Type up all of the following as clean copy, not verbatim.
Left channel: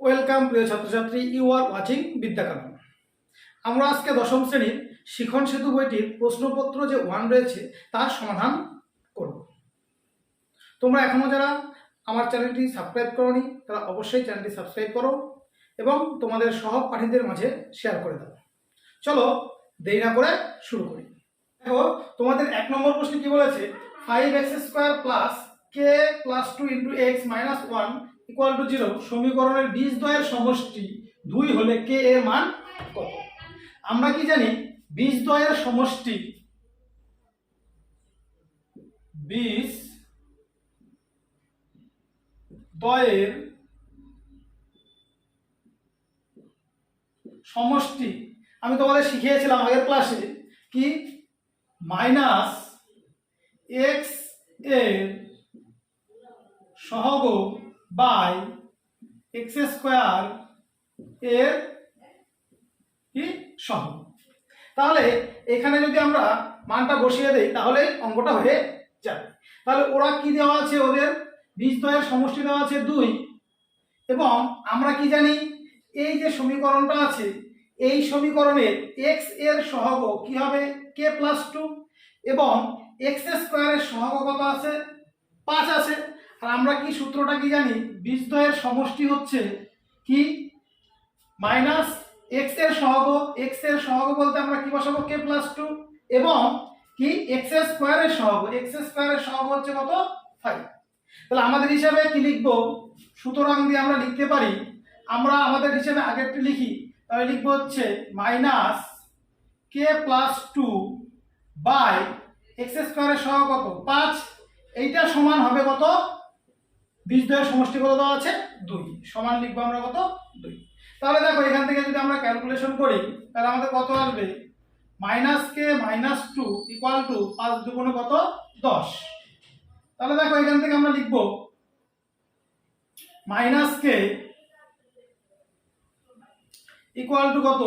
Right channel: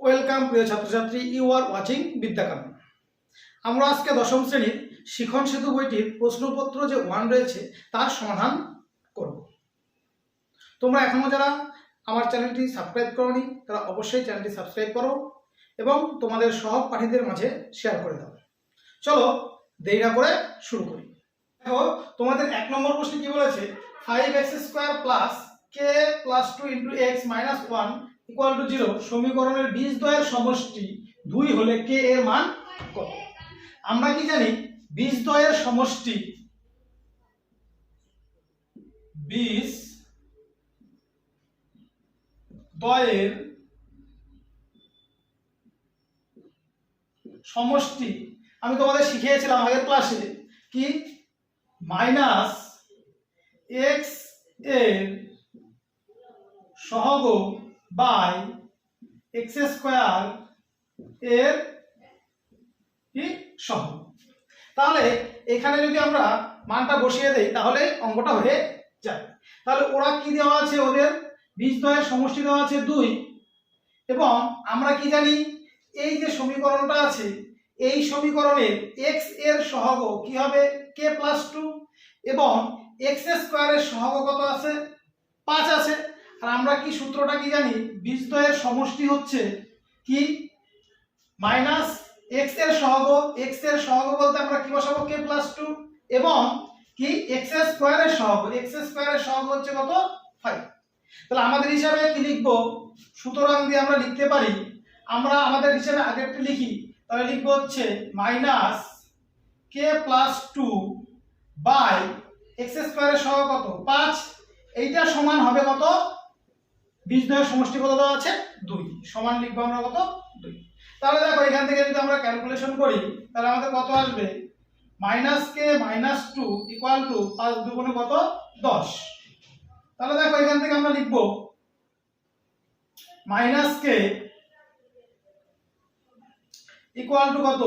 Welcome প্রিয় ছাত্রছাত্রী, you are watching Vidyakanan. আমরা আজকে দশম শ্রেণীর শিখন সেতু বইটির প্রশ্নপত্র যে 1 রয়েছে তার সমাধান করব। তোমরা এখনো যারা আমার চ্যানেলটি সাবস্ক্রাইব করোনি তারা অবশ্যই চ্যানেলটি সাবস্ক্রাইব করো এবং তোমাদের সহপাঠীদের মাঝে শেয়ার করে দাও। চলো দেরি না করে শুরু করি। দেখো তোমাদের 1 নম্বর প্রশ্নে কি বলেছে, 5x² plus k plus 2 into x minus 1 equal to 0 সমীকরণের বীজদ্বয়ের সমষ্টি 2 হলে k এর মান কত? আমরা কি জানি বীজদ্বয়ের সমষ্টি, বীজদ্বয়ের সমষ্টি আমি তোমাদের শিখিয়েছিলাম আগের ক্লাসে কি মাইনাস x এর সহগ বাই x² এর কি সহগ। তাহলে এখানে যদি আমরা মানটা বসিয়ে দেই তাহলে অঙ্কটা হয়ে যাবে। তাহলে ওরা কি দেওয়া আছে, ওদের বীজদ্বয়ের সমষ্টি দেওয়া আছে 2 এবং আমরা কি জানি এই যে সমীকরণটা আছে এই সমীকরণের x এর সহগ কি হবে k প্লাস 2 এবং x² এর সহগ কত আছে 5 আছে। আর আমরা কি সূত্রটা কি জানি, বীজদ্বয়ের সমষ্টি হচ্ছে কি মাইনাস x এর সহগ, x এর সহগ বলতে আমরা কি বসাবো k প্লাস 2 এবং কি x² এর সহগ, x² এর সহগ হচ্ছে কত 5। তাহলে আমাদের হিসাবে কি লিখবো, সুতরাং দিয়ে আমরা লিখতে পারি, আমরা আমাদের হিসাবে আগেরটা লিখি, তাহলে লিখবো হচ্ছে minus k plus 2 by x² এর সহগ কত 5, এইটা সমান হবে কত, বীজদ্বয়ের সমষ্টি কত দেওয়া আছে 2, সমান লিখবো আমরা কত 2। তাহলে দেখো এখান থেকে যদি আমরা ক্যালকুলেশন করি তাহলে আমাদের কত আসবে, minus k minus 2 equal to 5 দুগুণে কত 10। তাহলে দেখো এখান থেকে আমরা লিখবো মাইনাস k ইকুয়াল টু কত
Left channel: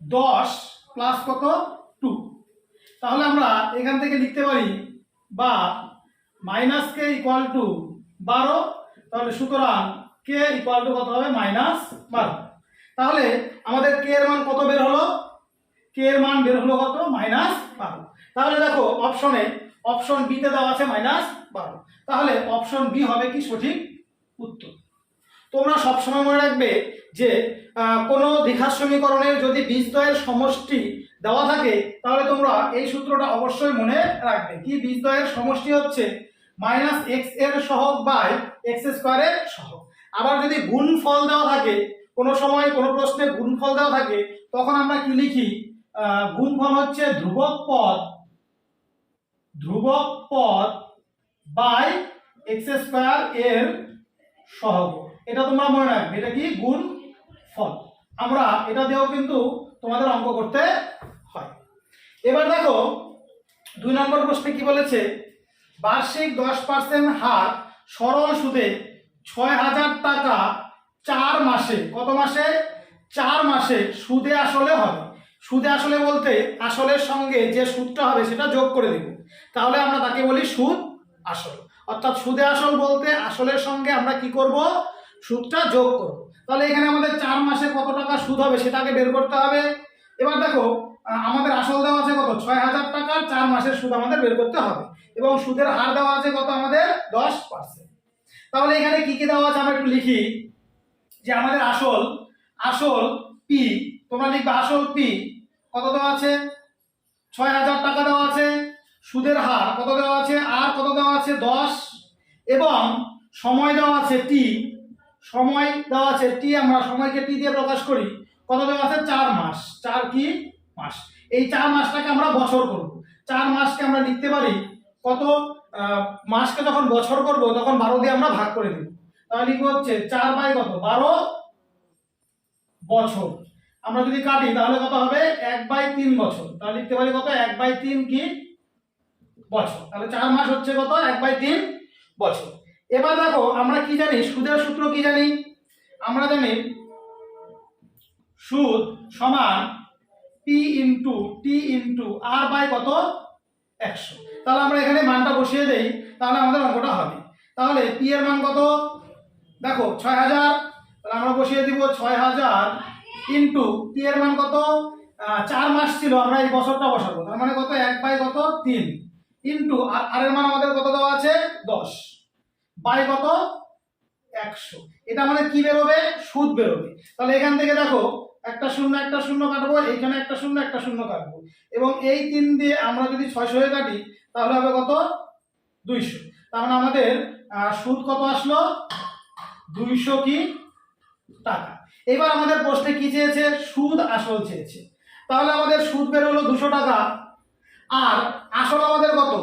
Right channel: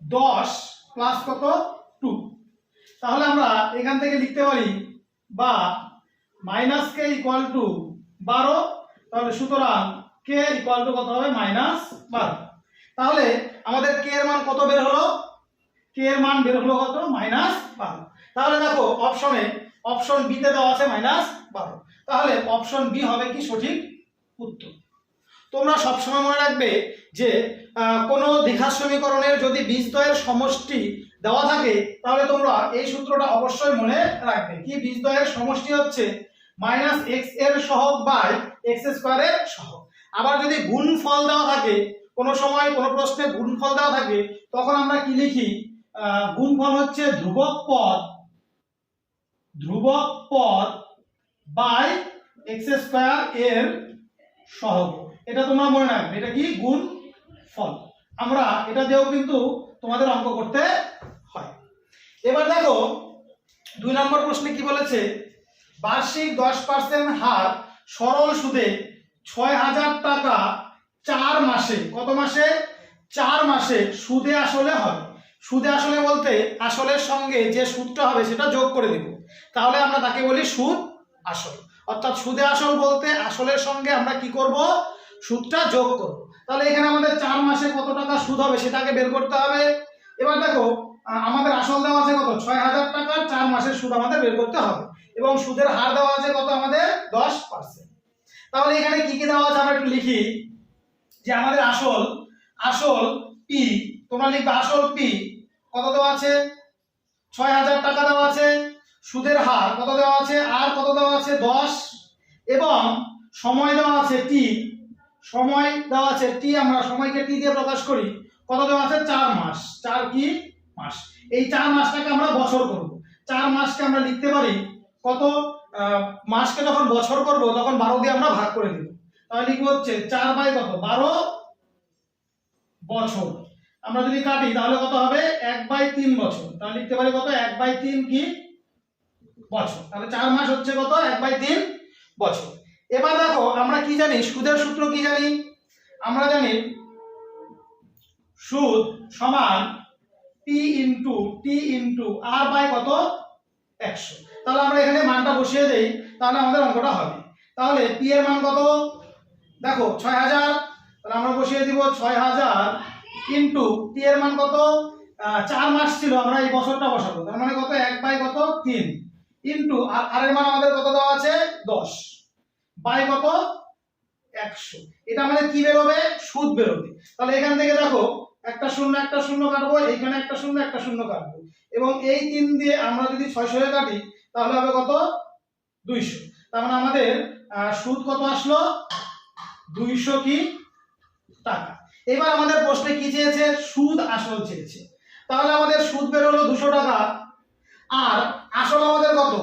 10 প্লাস কত 2। তাহলে আমরা এখান থেকে লিখতে পারি বা মাইনাস k ইকুয়াল টু 12, তাহলে সুতরাং k ইকুয়াল টু কত হবে মাইনাস 12। তাহলে আমাদের k এর মান কত বের হলো, k এর মান বের হলো কত মাইনাস 12। তাহলে দেখো অপশন বি তে দেওয়া আছে মাইনাস 12, তাহলে অপশন বি হবে কি সঠিক উত্তর। তোমরা সবসময় মনে রাখবে যে কোনো দ্বিঘাত সমীকরণের যদি বীজদ্বয়ের সমষ্টি দেওয়া থাকে তাহলে তোমরা এই সূত্রটা অবশ্যই মনে রাখবে, কি বীজদ্বয়ের সমষ্টি হচ্ছে মাইনাস x এর সহগ বাই x² এর সহগ। আবার যদি গুণফল দেওয়া থাকে, কোনো সময় কোনো প্রশ্নে গুণফল দেওয়া থাকে তখন আমরা কি লিখি, গুণফল হচ্ছে ধ্রুবক পদ বাই x² এর সহগ। এটা তোমরা মনে রাখবে, এটা কি গুণফল। আমরা এটা দিয়েও কিন্তু তোমাদের অঙ্ক করতে হয়। এবার দেখো 2 নম্বর প্রশ্নে কি বলেছে, বার্ষিক 10% হার সরল সুদে 6000 টাকা 4 মাসে, কত মাসে 4 মাসে সুদে আসলে হবে। সুদে আসলে বলতে আসলের সঙ্গে যে সুদটা হবে সেটা যোগ করে দেব, তাহলে আমরা তাকে বলি সুদ আসল। অর্থাৎ সুদে আসল বলতে আসলের সঙ্গে আমরা কি করব, সুদটা যোগ করব। তাহলে এখানে আমাদের 4 মাসে কত টাকা সুদ হবে সেটাকে বের করতে হবে। এবার দেখো আমাদের আসল দেওয়া আছে কত 6000 টাকা, 4 মাসের সুদ আমাদের বের করতে হবে এবং সুদের হার দেওয়া আছে কত আমাদের 10%। তাহলে এখানে কি কি দেওয়া আছে আমরা একটু লিখি, যে আমাদের আসল পি, তোমরা লিখবে আসল পি কত দেওয়া আছে 6000 টাকা দেওয়া আছে, সুদের হার কত দেওয়া আছে আর কত দেওয়া আছে 10 এবং সময় দেওয়া আছে টি, সময় দেওয়া আছে টি, আমরা সময়কে টি দিয়ে প্রকাশ করি, কত দেওয়া আছে 4 মাস, 4 কি মাস। এই 4 মাসটাকে আমরা বছর করব, 4 মাসকে আমরা লিখতে পারি কত, মাসকে যখন বছর করব তখন 12 দিয়ে আমরা ভাগ করে দেব। তাহলে লিখবো হচ্ছে 4 বাই কত 12 বছর। আমরা যদি কাটি তাহলে কত হবে 1/3 বছর, তাহলে লিখতে পারি কত 1/3 কি বছর। তাহলে 4 মাস হচ্ছে কত 1/3 বছর। এবার দেখো আমরা কি জানি, সুদের সূত্র কি জানি, আমরা জানি সুদ সমান P into T into R by কত 100। তাহলে আমরা এখানে মানটা বসিয়ে দেই, তাহলে আমাদের অঙ্কটা হবে। তাহলে পি এর মান কত, দেখো 6000 তাহলে আমরা বসিয়ে দিব 6000 ইন্টু টি এর মান কত, 4 মাস ছিল, আমরা এই বছরটা বসাবো, তার মানে কত 1/3 ইন্টু আর এর মান আমাদের কত দেওয়া আছে 10 বাই কত 100। এটা আমাদের কি বেরোবে, সুদ বেরোবে। তাহলে এখান থেকে দেখো একটা শূন্য কাটবো, এইখানে একটা শূন্য কাটবো, এবং এই 3 দিয়ে আমরা যদি 600 এ কাটি তাহলে হবে কত 200। তার মানে আমাদের সুদ কত আসলো 200 কি টাকা। এবার আমাদের প্রশ্নে কি চেয়েছে, সুদ আসল চেয়েছে। তাহলে আমাদের সুদ বের হলো 200 টাকা, আর আসল আমাদের কত,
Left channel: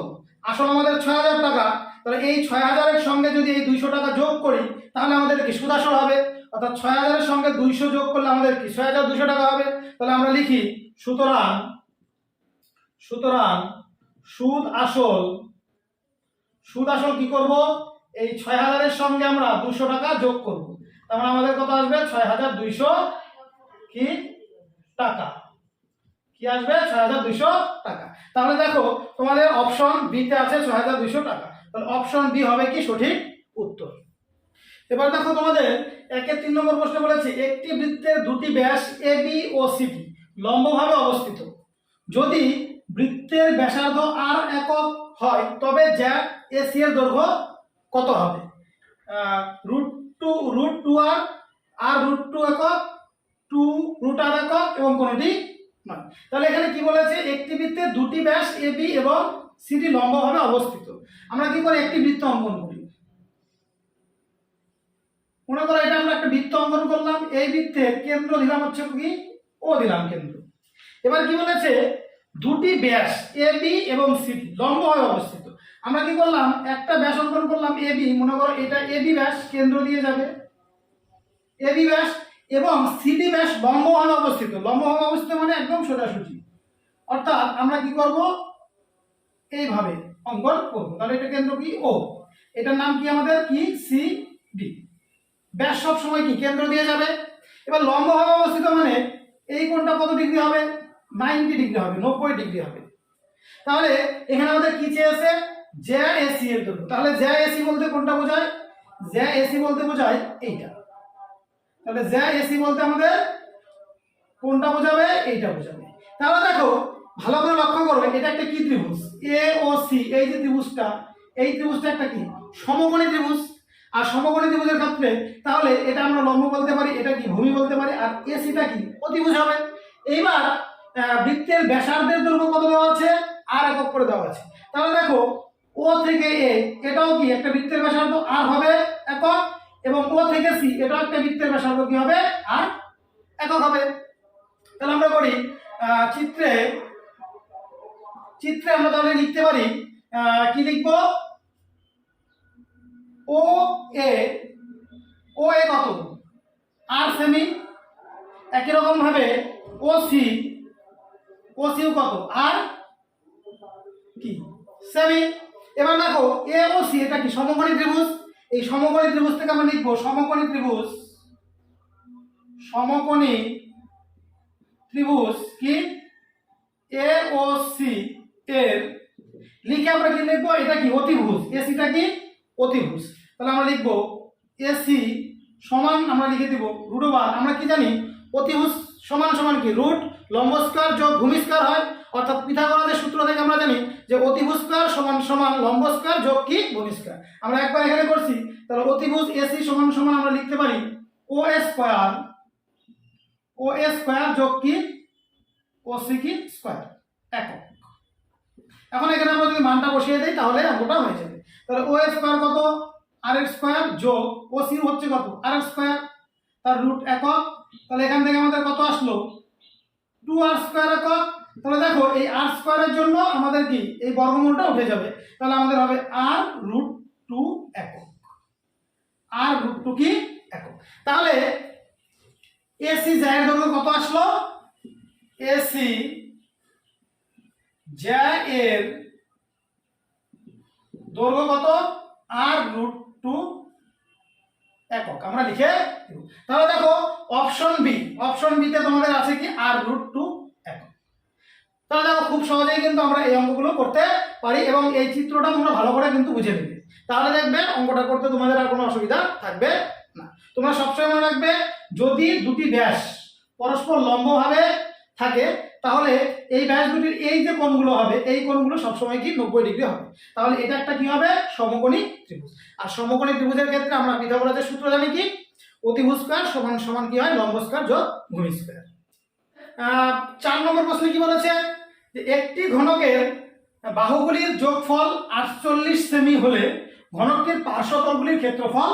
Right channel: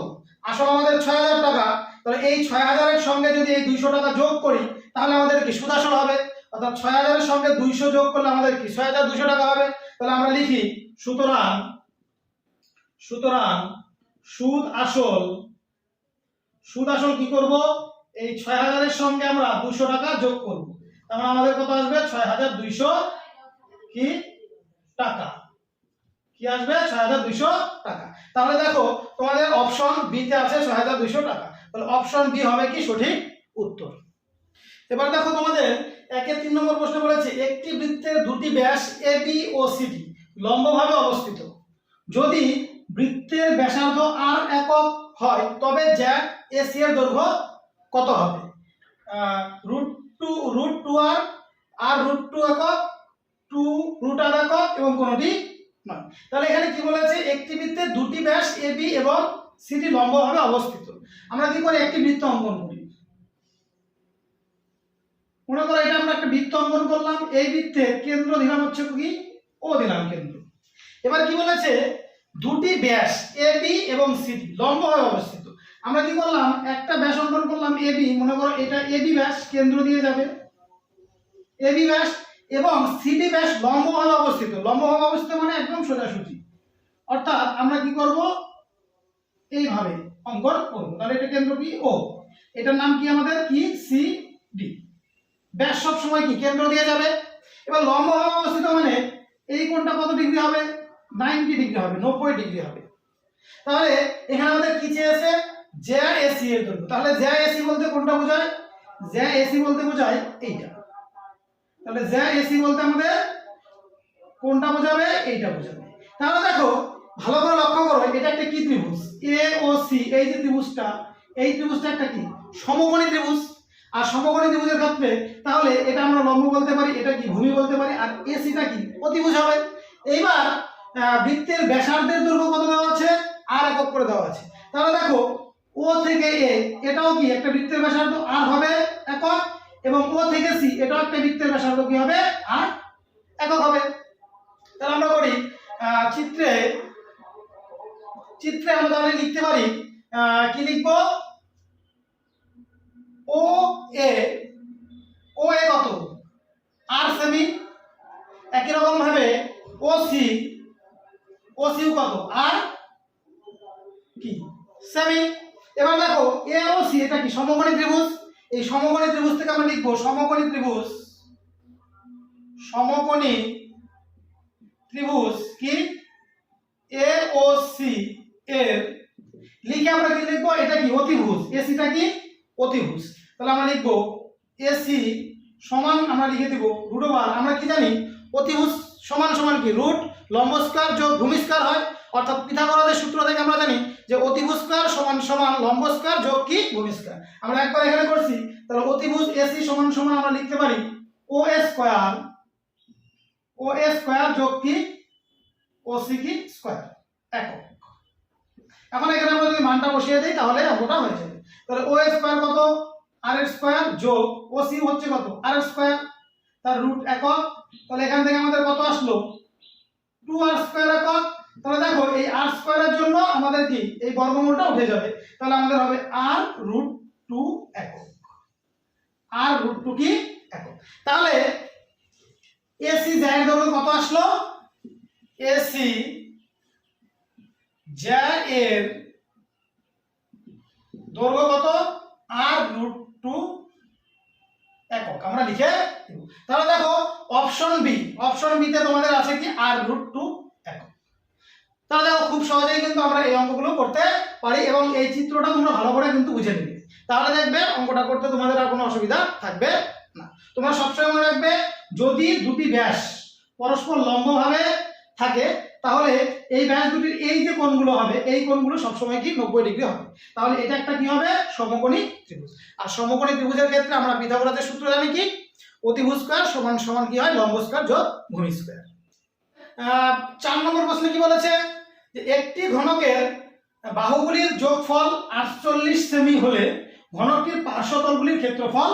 আসল আমাদের 6000 টাকা। তাহলে এই 6000 এর সঙ্গে যদি এই 200 টাকা যোগ করি তাহলে আমাদের কি সুদ আসল হবে, অর্থাৎ 6000 এর সঙ্গে 200 যোগ করলে আমাদের কি 6200 টাকা হবে। তাহলে আমরা লিখি সুতরাং সুদ আসল কি করব, এই 6000 এর সঙ্গে আমরা 200 টাকা যোগ করব, তার মানে আমাদের কত আসবে 6200 কি টাকা, কি আসবে 6200 টাকা। তাহলে দেখো তোমাদের অপশন বি তে আছে 6200 টাকা, তাহলে অপশন বি হবে কি সঠিক উত্তর। এবার দেখো তোমাদের 1-3 নম্বর প্রশ্ন বলেছে একটি বৃত্তের দুটি ব্যাস এ বি ও সি লম্বভাবে অবস্থিত, যদি বৃত্তের ব্যাসার্ধ আর একক হয় তবে জ্যা এসি এর দৈর্ঘ্য কত হবে, √2 আর √2 একক, 2 √r একক এবং কোনটি নয়। তাহলে এখানে কি বলেছে, একটি বৃত্তের দুটি ব্যাস এ বি এবং সিডি লম্বভাবে অবস্থিত। আমরা কি করি, একটি বৃত্ত অঙ্কন করি। মনে করো এটা আমরা একটা বৃত্ত অঙ্কন করলাম, এই বৃত্তের কেন্দ্র দিলাম হচ্ছে কি ও দিলাম কেন্দ্র। এবার কি বলেছে, দুটি ব্যাস এ বি এবং সিডি লম্বভাবে অবস্থিত। আমরা কি করলাম, একটা ব্যাস অঙ্কন করলাম এ বি, মনে করো এটা এ বি ব্যাস কেন্দ্র দিয়ে যাবে এ বি ব্যাস, এবং সিডি ব্যাস লম্বভাবে অবস্থিত। লম্বভাবে অবস্থিত মানে একদম সোজাসুজি, অর্থাৎ আমরা কি করব এইভাবে অঙ্কন করব। তাহলে এটা কেন্দ্র কি ও, এটার নাম কি আমাদের কি সি ডি। ব্যাস সব সময় কি কেন্দ্র দিয়ে যাবে। এবার লম্বভাবে অবস্থিত মানে এই কোণটা কত ডিগ্রি হবে, 90 ডিগ্রি হবে, 90 ডিগ্রি হবে। তাহলে এখানে আমাদের কি চেয়েছে, জ্যা এসি এর দৈর্ঘ্য। তাহলে জ্যা এসি বলতে কোনটা বোঝায়, জ্যা এসি বলতে বোঝায় এইটা। তাহলে জ্যা এসি বলতে আমাদের কোনটা বোঝাবে, এইটা বোঝাবে। তাহলে দেখো ভালো করে লক্ষ্য করো, এটা একটা কি ত্রিভুজ এ ও সি, এই যে ত্রিভুজটা, এই ত্রিভুজটা একটা কি সমকোণী ত্রিভুজ। আর সমকোণী ত্রিভুজের ক্ষেত্রে তাহলে এটা আমরা লম্ব বলতে পারি, এটা কি ভূমি বলতে পারি, আর এসিটা কি অতিভুজ হবে। এইবার বৃত্তের ব্যাসার্ধের দৈর্ঘ্য কত দেওয়া আছে, আর একক করে দেওয়া আছে। তাহলে দেখো ও থেকে এ, এটাও কি একটা বৃত্তের ব্যাসার্ধ আর হবে একক, এবং ও থেকে সি এটাও একটা বৃত্তের ব্যাসার্ধ কি হবে আর একক হবে। তাহলে আমরা করি চিত্রে আমরা তাহলে লিখতে পারি কি লিখবো, ও এ কত আর সেমি, একই রকম ভাবে ও সিও কত আর কি সেমি। এবার দেখো এ ও সি এটা কি সমকোণী ত্রিভুজ, এই সমকোণী ত্রিভুজ থেকে আমরা লিখবো সমকোণী ত্রিভুজ কি এ ও সি এর, লিখে আমরা কি লিখবো, এটা কি অতিভুজ, এসিটা কি অতিভুজ। তাহলে আমরা লিখবো এসি সমান, আমরা লিখে দিব √1। আমরা কি জানি অতিভুজ সমান সমান কি রুট লম্ব স্কয়ার যোগ ভূমি স্কয়ার হয়, অর্থাৎ পিথাগোরাসের সূত্র থেকে আমরা জানি যে অতিভুজ স্কয়ার সমান সমান লম্ব স্কয়ার যোগ কি ভূমি স্কয়ার। আমরা একবার এখানে করছি, তাহলে অতিভুজ এসি সমান সমান আমরা লিখতে পারি ও স্কয়ার যোগ কি ও সি কি স্কয়ার একক। এখন এখানে আমরা যদি মানটা বসিয়ে দেই তাহলে অঙ্কটা হয়ে যাবে। তাহলে ও স্কয়ার কত আর এর স্কয়ার যোগ ও সি হচ্ছে কত আর এর স্কয়ার, তার রুট একক। তাহলে এখান থেকে আমাদের কত আসলো 2r স্কয়ার একক। তাহলে দেখো এই r স্কয়ারের জন্য আমাদের কি এই বর্গমূলটা উঠে যাবে, তাহলে আমাদের হবে r√2 একক, r√2 কি একক। তাহলে এসি জ্যা এর দৈর্ঘ্য কত আসলো, এসি জ্যা এর দৈর্ঘ্য কত r√2 একক আমরা লিখে দেব। তাহলে দেখো অপশন বি তে তোমাদের আছে কি r√2 একক। তাহলে দেখো খুব সহজেই কিন্তু আমরা এই অঙ্কগুলো করতে পারি, এবং এই চিত্রটা তোমরা ভালো করে কিন্তু বুঝে নেবে, তাহলে দেখবে অঙ্কটা করতে তোমাদের আর কোনো অসুবিধা থাকবে না। তোমরা সবসময় মনে রাখবে যদি দুটি ব্যাস পরস্পর লম্বভাবে থাকে তাহলে এই ব্যাস দুটির এই যে কোণগুলো হবে এই কোণগুলো সবসময় কি 90 ডিগ্রি হবে। তাহলে এটা একটা কি হবে সমকোণী ত্রিভুজ। আর সমকোণী ত্রিভুজের ক্ষেত্রে আমরা পিথাগোরাসের সূত্র জানি কি অতিভুজ স্কয়ার সমান সমান কি হয় লম্ব স্কয়ার যোগ ভূমি স্কয়ার। 4 নম্বর প্রশ্নে কি বলেছে যে একটি ঘনকের বাহুগুলির যোগফল 48 সেমি হলে ঘনকটির পার্শ্বতলগুলির ক্ষেত্রফল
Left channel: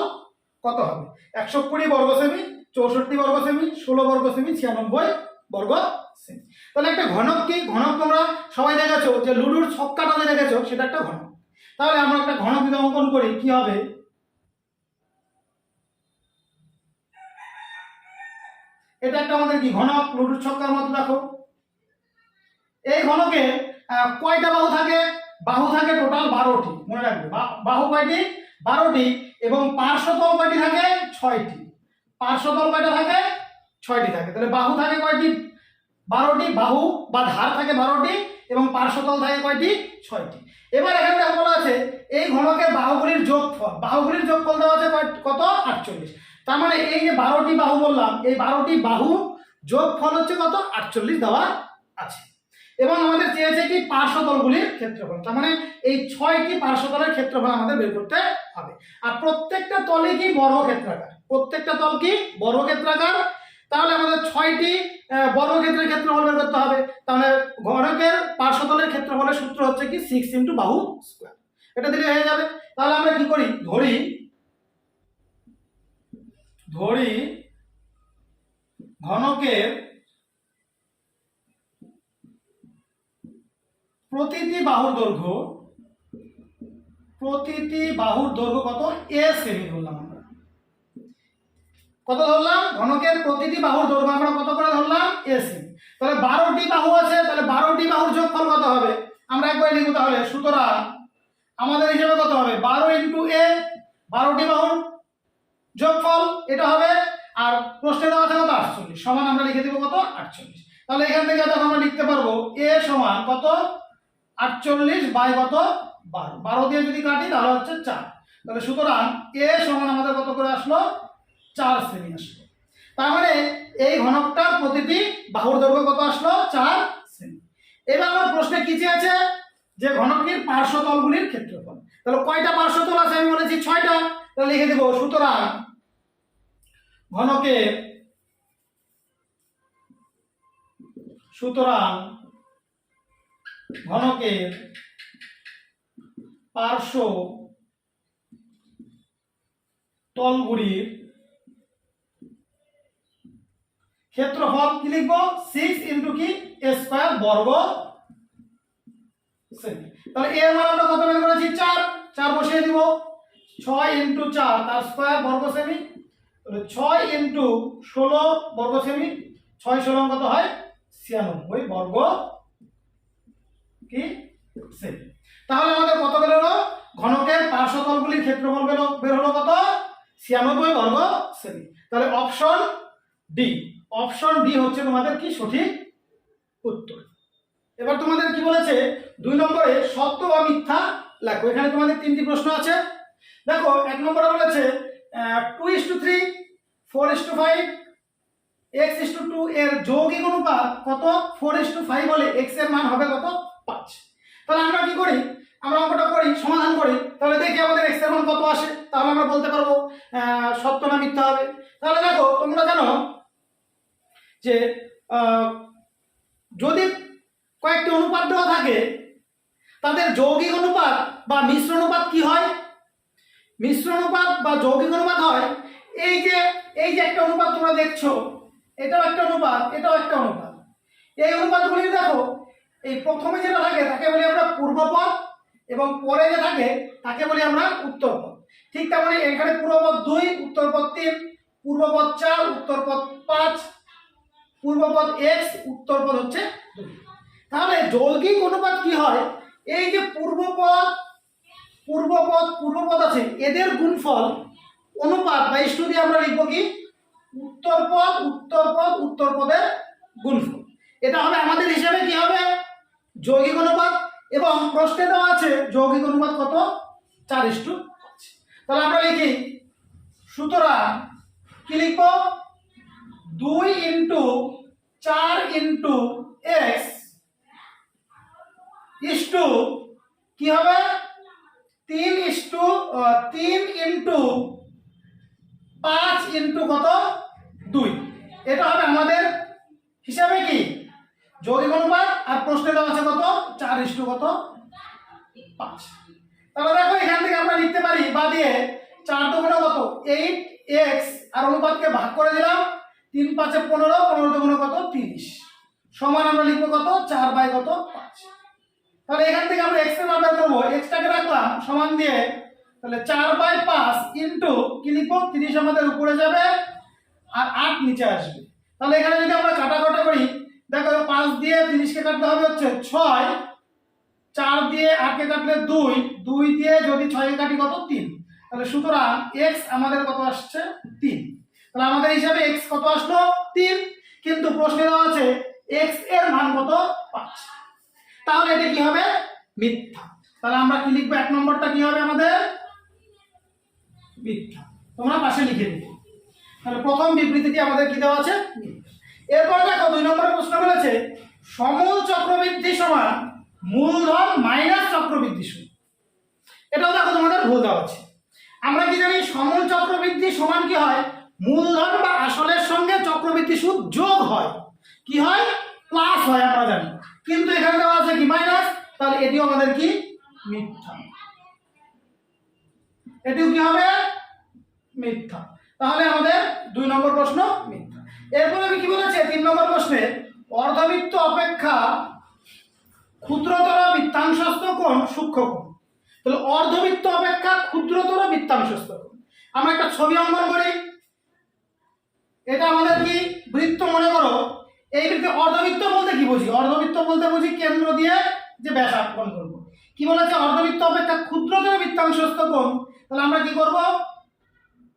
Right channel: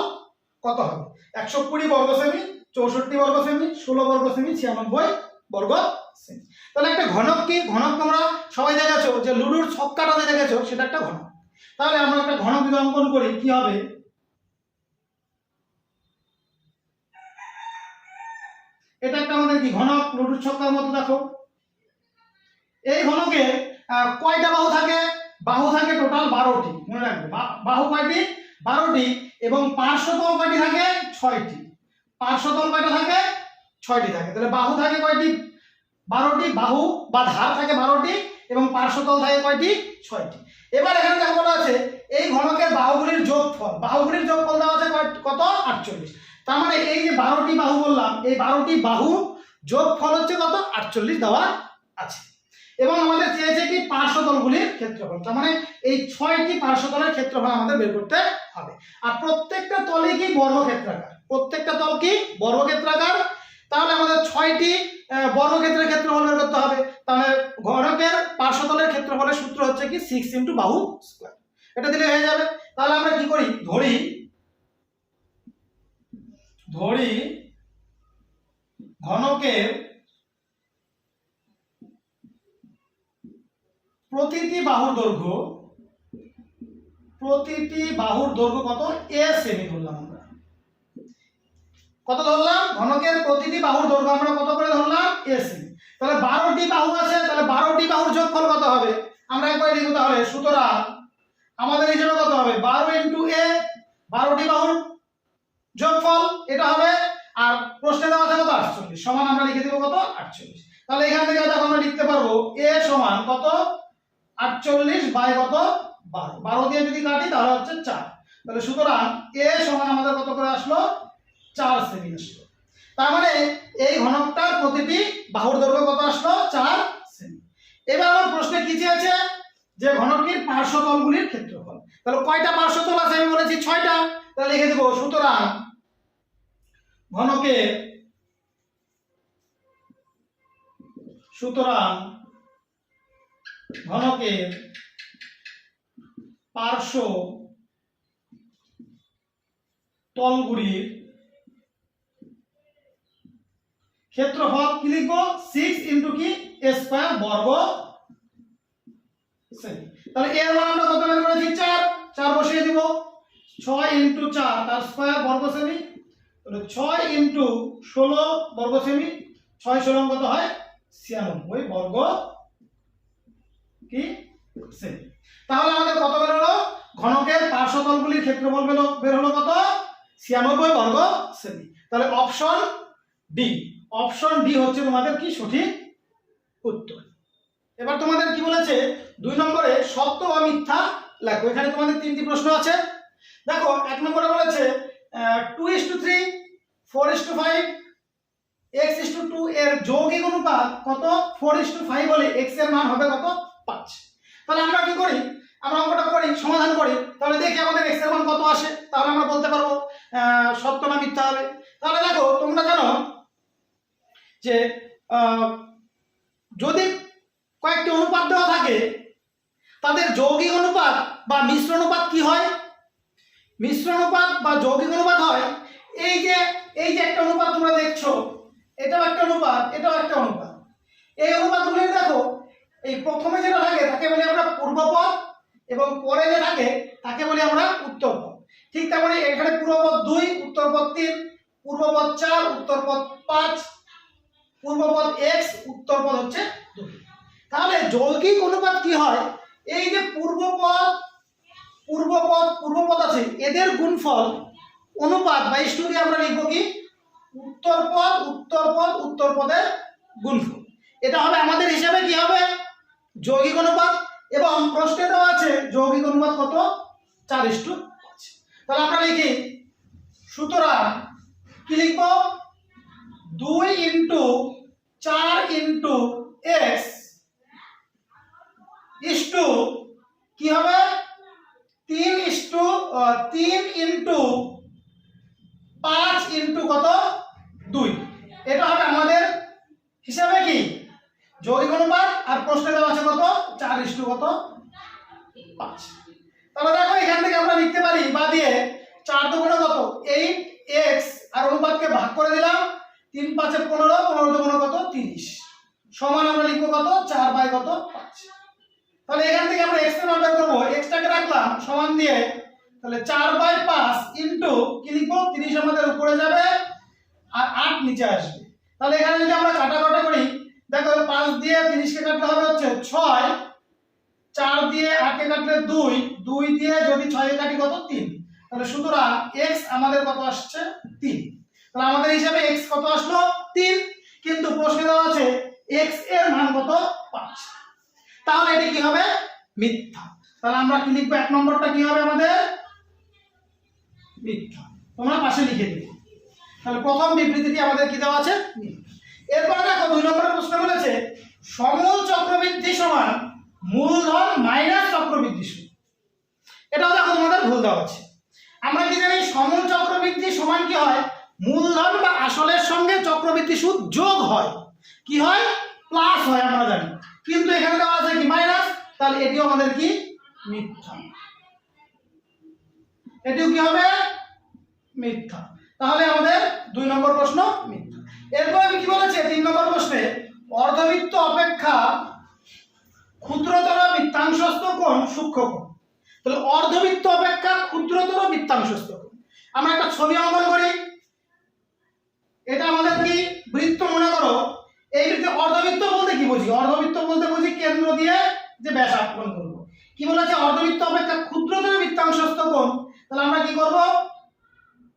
কত হবে? 120 বর্গ সেমি, 64 বর্গ সেমি, 16 বর্গ সেমি, 96 বর্গ সেমি। তাহলে একটা ঘনক কি? ঘনক তোমরা সবাই দেখেছো যে লুডুর ছক্কাটাতে দেখেছো, সেটা একটা ঘনক। তাহলে আমরা একটা ঘনক যদি অঙ্কন করি কি হবে? এটা একটা আমাদের কি ঘনক লুডুর ছক্কার মতো। দেখো এই ঘনকে কয়টা বাহু থাকে? বাহু থাকে টোটাল 12টি, মনে রাখবে। বাহু কয়টি? 12টি। এবং পার্শ্বতল কয়টি থাকে? 6টি। পার্শ্বতল কয়টা থাকে? 6টি থাকে। তাহলে বাহু থাকে কয়টি? 12টি। বাহু বা ধার থাকে 12টি এবং পার্শ্বতল থাকে কয়টি? 6টি। এবার এখানে দেখো বলা আছে এই ঘনকের বাহুগুলির যোগফল। বাহুগুলির যোগফল দেওয়া আছে কত? 48। তার মানে এই যে 12টি বাহু বললাম, এই 12টি বাহু যোগফল হচ্ছে কত? 48 দেওয়া আছে। এবং আমাদের চেয়েছে কি পার্শ্বতলগুলির ক্ষেত্রফল। তার মানে এই 6টি পার্শ্বতলের ক্ষেত্রফল আমাদের বের করতে হবে। আর প্রত্যেকটা তলই কি বর্গক্ষেত্রাকার। প্রত্যেকটা তল কি বর্গক্ষেত্রাকার। তাহলে আমাদের 6টি বর্গক্ষেত্রের ক্ষেত্রফল বের করতে হবে। তাহলে ঘনকের পার্শ্বতলের ক্ষেত্রফলের সূত্র হচ্ছে কি 6 × বাহু স্কয়ার। এটা দিলে হয়ে যাবে। তাহলে আমরা কি করি? ধরি ঘনকের প্রতিটি বাহুর দৈর্ঘ্য কত? a সেমি ধরলাম আমরা। কত ধরলাম? ঘনকের প্রতিটি বাহুর দৈর্ঘ্য আমরা কত করে ধরলাম? a semi. তাহলে 12টি বাহু আছে, তাহলে 12টি বাহুর যোগফল কত হবে? আমরা একবার লিখব তাহলে। সুতরাং আমাদের হিসাবে কত হবে? 12 × a, 12টি বাহুর যোগফল এটা হবে। আর প্রশ্নে দেওয়া আছে কত? 48 সমান আমরা লিখে দেব কত? 48। তাহলে এখান থেকে দেখো আমরা লিখতে পারবো a সমান কত? 48 বাই কত? 12। 12 দিয়ে যদি কাটি তাহলে হচ্ছে 4। তাহলে সুতরাং a সমান আমাদের কত করে আসলো? 4 সেমি আসলো। তার মানে এই ঘনকটার প্রতিটি বাহুর দৈর্ঘ্য কত আসলো? 4 সেমি। এবার আমার প্রশ্নে কি চেয়েছে? যে ঘনকটির পার্শ্বতলগুলির ক্ষেত্রফল। তাহলে কয়টা পার্শ্বতল আছে? আমি বলেছি 6টা। তাহলে লিখে দেব সুতরাং ঘনকের পার্শ্ব তলগুলির ক্ষেত্রফল কি লিখবো? 6 × কি a স্কয়ার বর্গ সেমি। তাহলে এর মান আমরা কত বের করেছি? 4। 4 বসিয়ে দিব। 6 × 4 তার স্কয়ার বর্গ সেমি। তাহলে 6 × 16 বর্গ সেমি। 6 16 কত হয়? 96 বর্গ কি সেমি। তাহলে আমাদের কত বের হলো? ঘনকের পার্শ্বতলগুলির ক্ষেত্রফল বের হলো কত? 96 বর্গ সেমি। তাহলে অপশন ডি হচ্ছে তোমাদের কি সঠিক উত্তর। এবার তোমাদের কি বলেছে? 2 নম্বরে সত্য বা মিথ্যা লেখো। এখানে তোমাদের 3টি প্রশ্ন আছে। দেখো 1 নম্বরে বলেছে 2:3, 4:5, x:2 এর যৌগিক অনুপাত কত? 4:5 হলে x এর মান হবে কত? 5। তাহলে আমরা কি করি? আমরা অঙ্কটা করি, সমাধান করি। তাহলে দেখি আমাদের x এর মান কত আসে। তাহলে আমরা বলতে পারবো সত্য না মিথ্যা হবে। তাহলে দেখো তোমরা জানো যে যদি কয়েকটি অনুপাত দেওয়া থাকে তাদের যৌগিক অনুপাত বা মিশ্র অনুপাত কি হয়? মিশ্র অনুপাত বা যৌগিক অনুপাত হয় এই যে একটা অনুপাত তোমরা দেখছো, এটাও একটা অনুপাত, এটাও একটা অনুপাত। এই অনুপাতগুলি দেখো এই প্রথমে যেটা থাকে তাকে বলি আমরা পূর্বপদ এবং পরে যে থাকে তাকে বলি আমরা উত্তরপদ। ঠিক তেমনি এখানে পূর্বপদ 2, উত্তরপদ 3, পূর্বপদ 4, উত্তরপদ 5, পূর্বপদ x, উত্তরপদ হচ্ছে 2। তাহলে যৌগিক অনুপাত কি হয়? এই যে পূর্বপদ আছে এদের গুণফল অনুপাত বা ইস্টু দিয়ে আমরা লিখব কি? উত্তরপদের গুণফল। এটা হবে আমাদের হিসাবে কি হবে? যৌগিক অনুপাত। এবং প্রশ্নে দেওয়া আছে যৌগিক অনুপাত কত? 4:5। তাহলে আমরা লিখি সুতরাং কি লিখবো 2 ইন্টু 4 ইন্টু এক্স ইস্টু কি হবে 3 ইন্টু 5 ইন্টু কত 2। এটা হবে আমাদের হিসাবে কি যৌগিক অনুপাত, আর প্রশ্নে দেওয়া আছে কত 4 ইস্টু কত 5। তাহলে দেখো এখান থেকে আমরা লিখতে পারি বা দিয়ে 4 দুগুণে কত 8x আর অনুপাতকে ভাগ করে দিলাম 3 5 15 15 দুগুণে কত 30 সমান আমরা লিখবো কত 4 বাই কত 5। তাহলে এখান থেকে আমরা x এর মান বের করব, x টাকে রাখলাম সমান দিয়ে, তাহলে 4 বাই 5 ইনটু কি লিখবো 30 আমাদের উপরে যাবে আর 8 নিচে আসবে। তাহলে এখানে যদি আমরা কাটাকাটা করি দেখো 5 দিয়ে 30 কে কাটলে হবে হচ্ছে 6, 4 দিয়ে 8 কে কাটলে 2, 2 দিয়ে যদি 6 কে কাটি কত 3। তাহলে সুতরাং x আমাদের কত আসছে 3। তাহলে আমাদের হিসাবে x কত আসলো 3, কিন্তু প্রশ্নে দেওয়া আছে x এর মান কত 5। তাহলে এটি কি হবে মিথ্যা। তাহলে আমরা কি লিখবো 1 নম্বরটা কি হবে আমাদের মিথ্যা, তোমরা পাশে লিখে দিবে। তাহলে প্রথম বিবৃতিটি আমাদের কি দেওয়া আছে মিথ্যা। এরপরে দেখো 2 নম্বরের প্রশ্ন বলেছে সমূল চক্রবৃদ্ধি সমান মূলধন মাইনাস চক্রবৃদ্ধি সুদ। এটাও দেখো তোমাদের ভুল দেওয়া আছে। আমরা কি জানি সমূল চক্রবৃদ্ধি সমান কি হয় মূলধন বা আসলের সঙ্গে চক্রবৃদ্ধি সুদ যোগ হয়, কি হয় প্লাস হয় আমরা জানি, কিন্তু এখানে দেওয়া আছে কি মাইনাস। তাহলে এটিও আমাদের কি মিথ্যা, এটিও কি হবে মিথ্যা। তাহলে আমাদের 2 নম্বর প্রশ্ন মিথ্যা। এরপর আমি কি বলেছি 3 নম্বর প্রশ্নে অর্ধবৃত্ত অপেক্ষা ক্ষুদ্রতর বৃত্তাংশস্থ কোণ সূক্ষ্ম কোণ। তাহলে অর্ধবৃত্ত অপেক্ষা ক্ষুদ্রতর বৃত্তাংশস্থ কোণ, আমরা একটা ছবি অঙ্কন করি। এটা আমাদের কি বৃত্ত মনে করো, এই বৃত্তে অর্ধবৃত্ত বলতে কি বুঝি অর্ধবৃত্ত বলতে বুঝি কেন্দ্র দিয়ে যে ব্যাস অঙ্কন করব। কি বলেছে অর্ধবৃত্ত অপেক্ষা ক্ষুদ্রতর বৃত্তাংশস্থ কোণ। তাহলে আমরা কি করব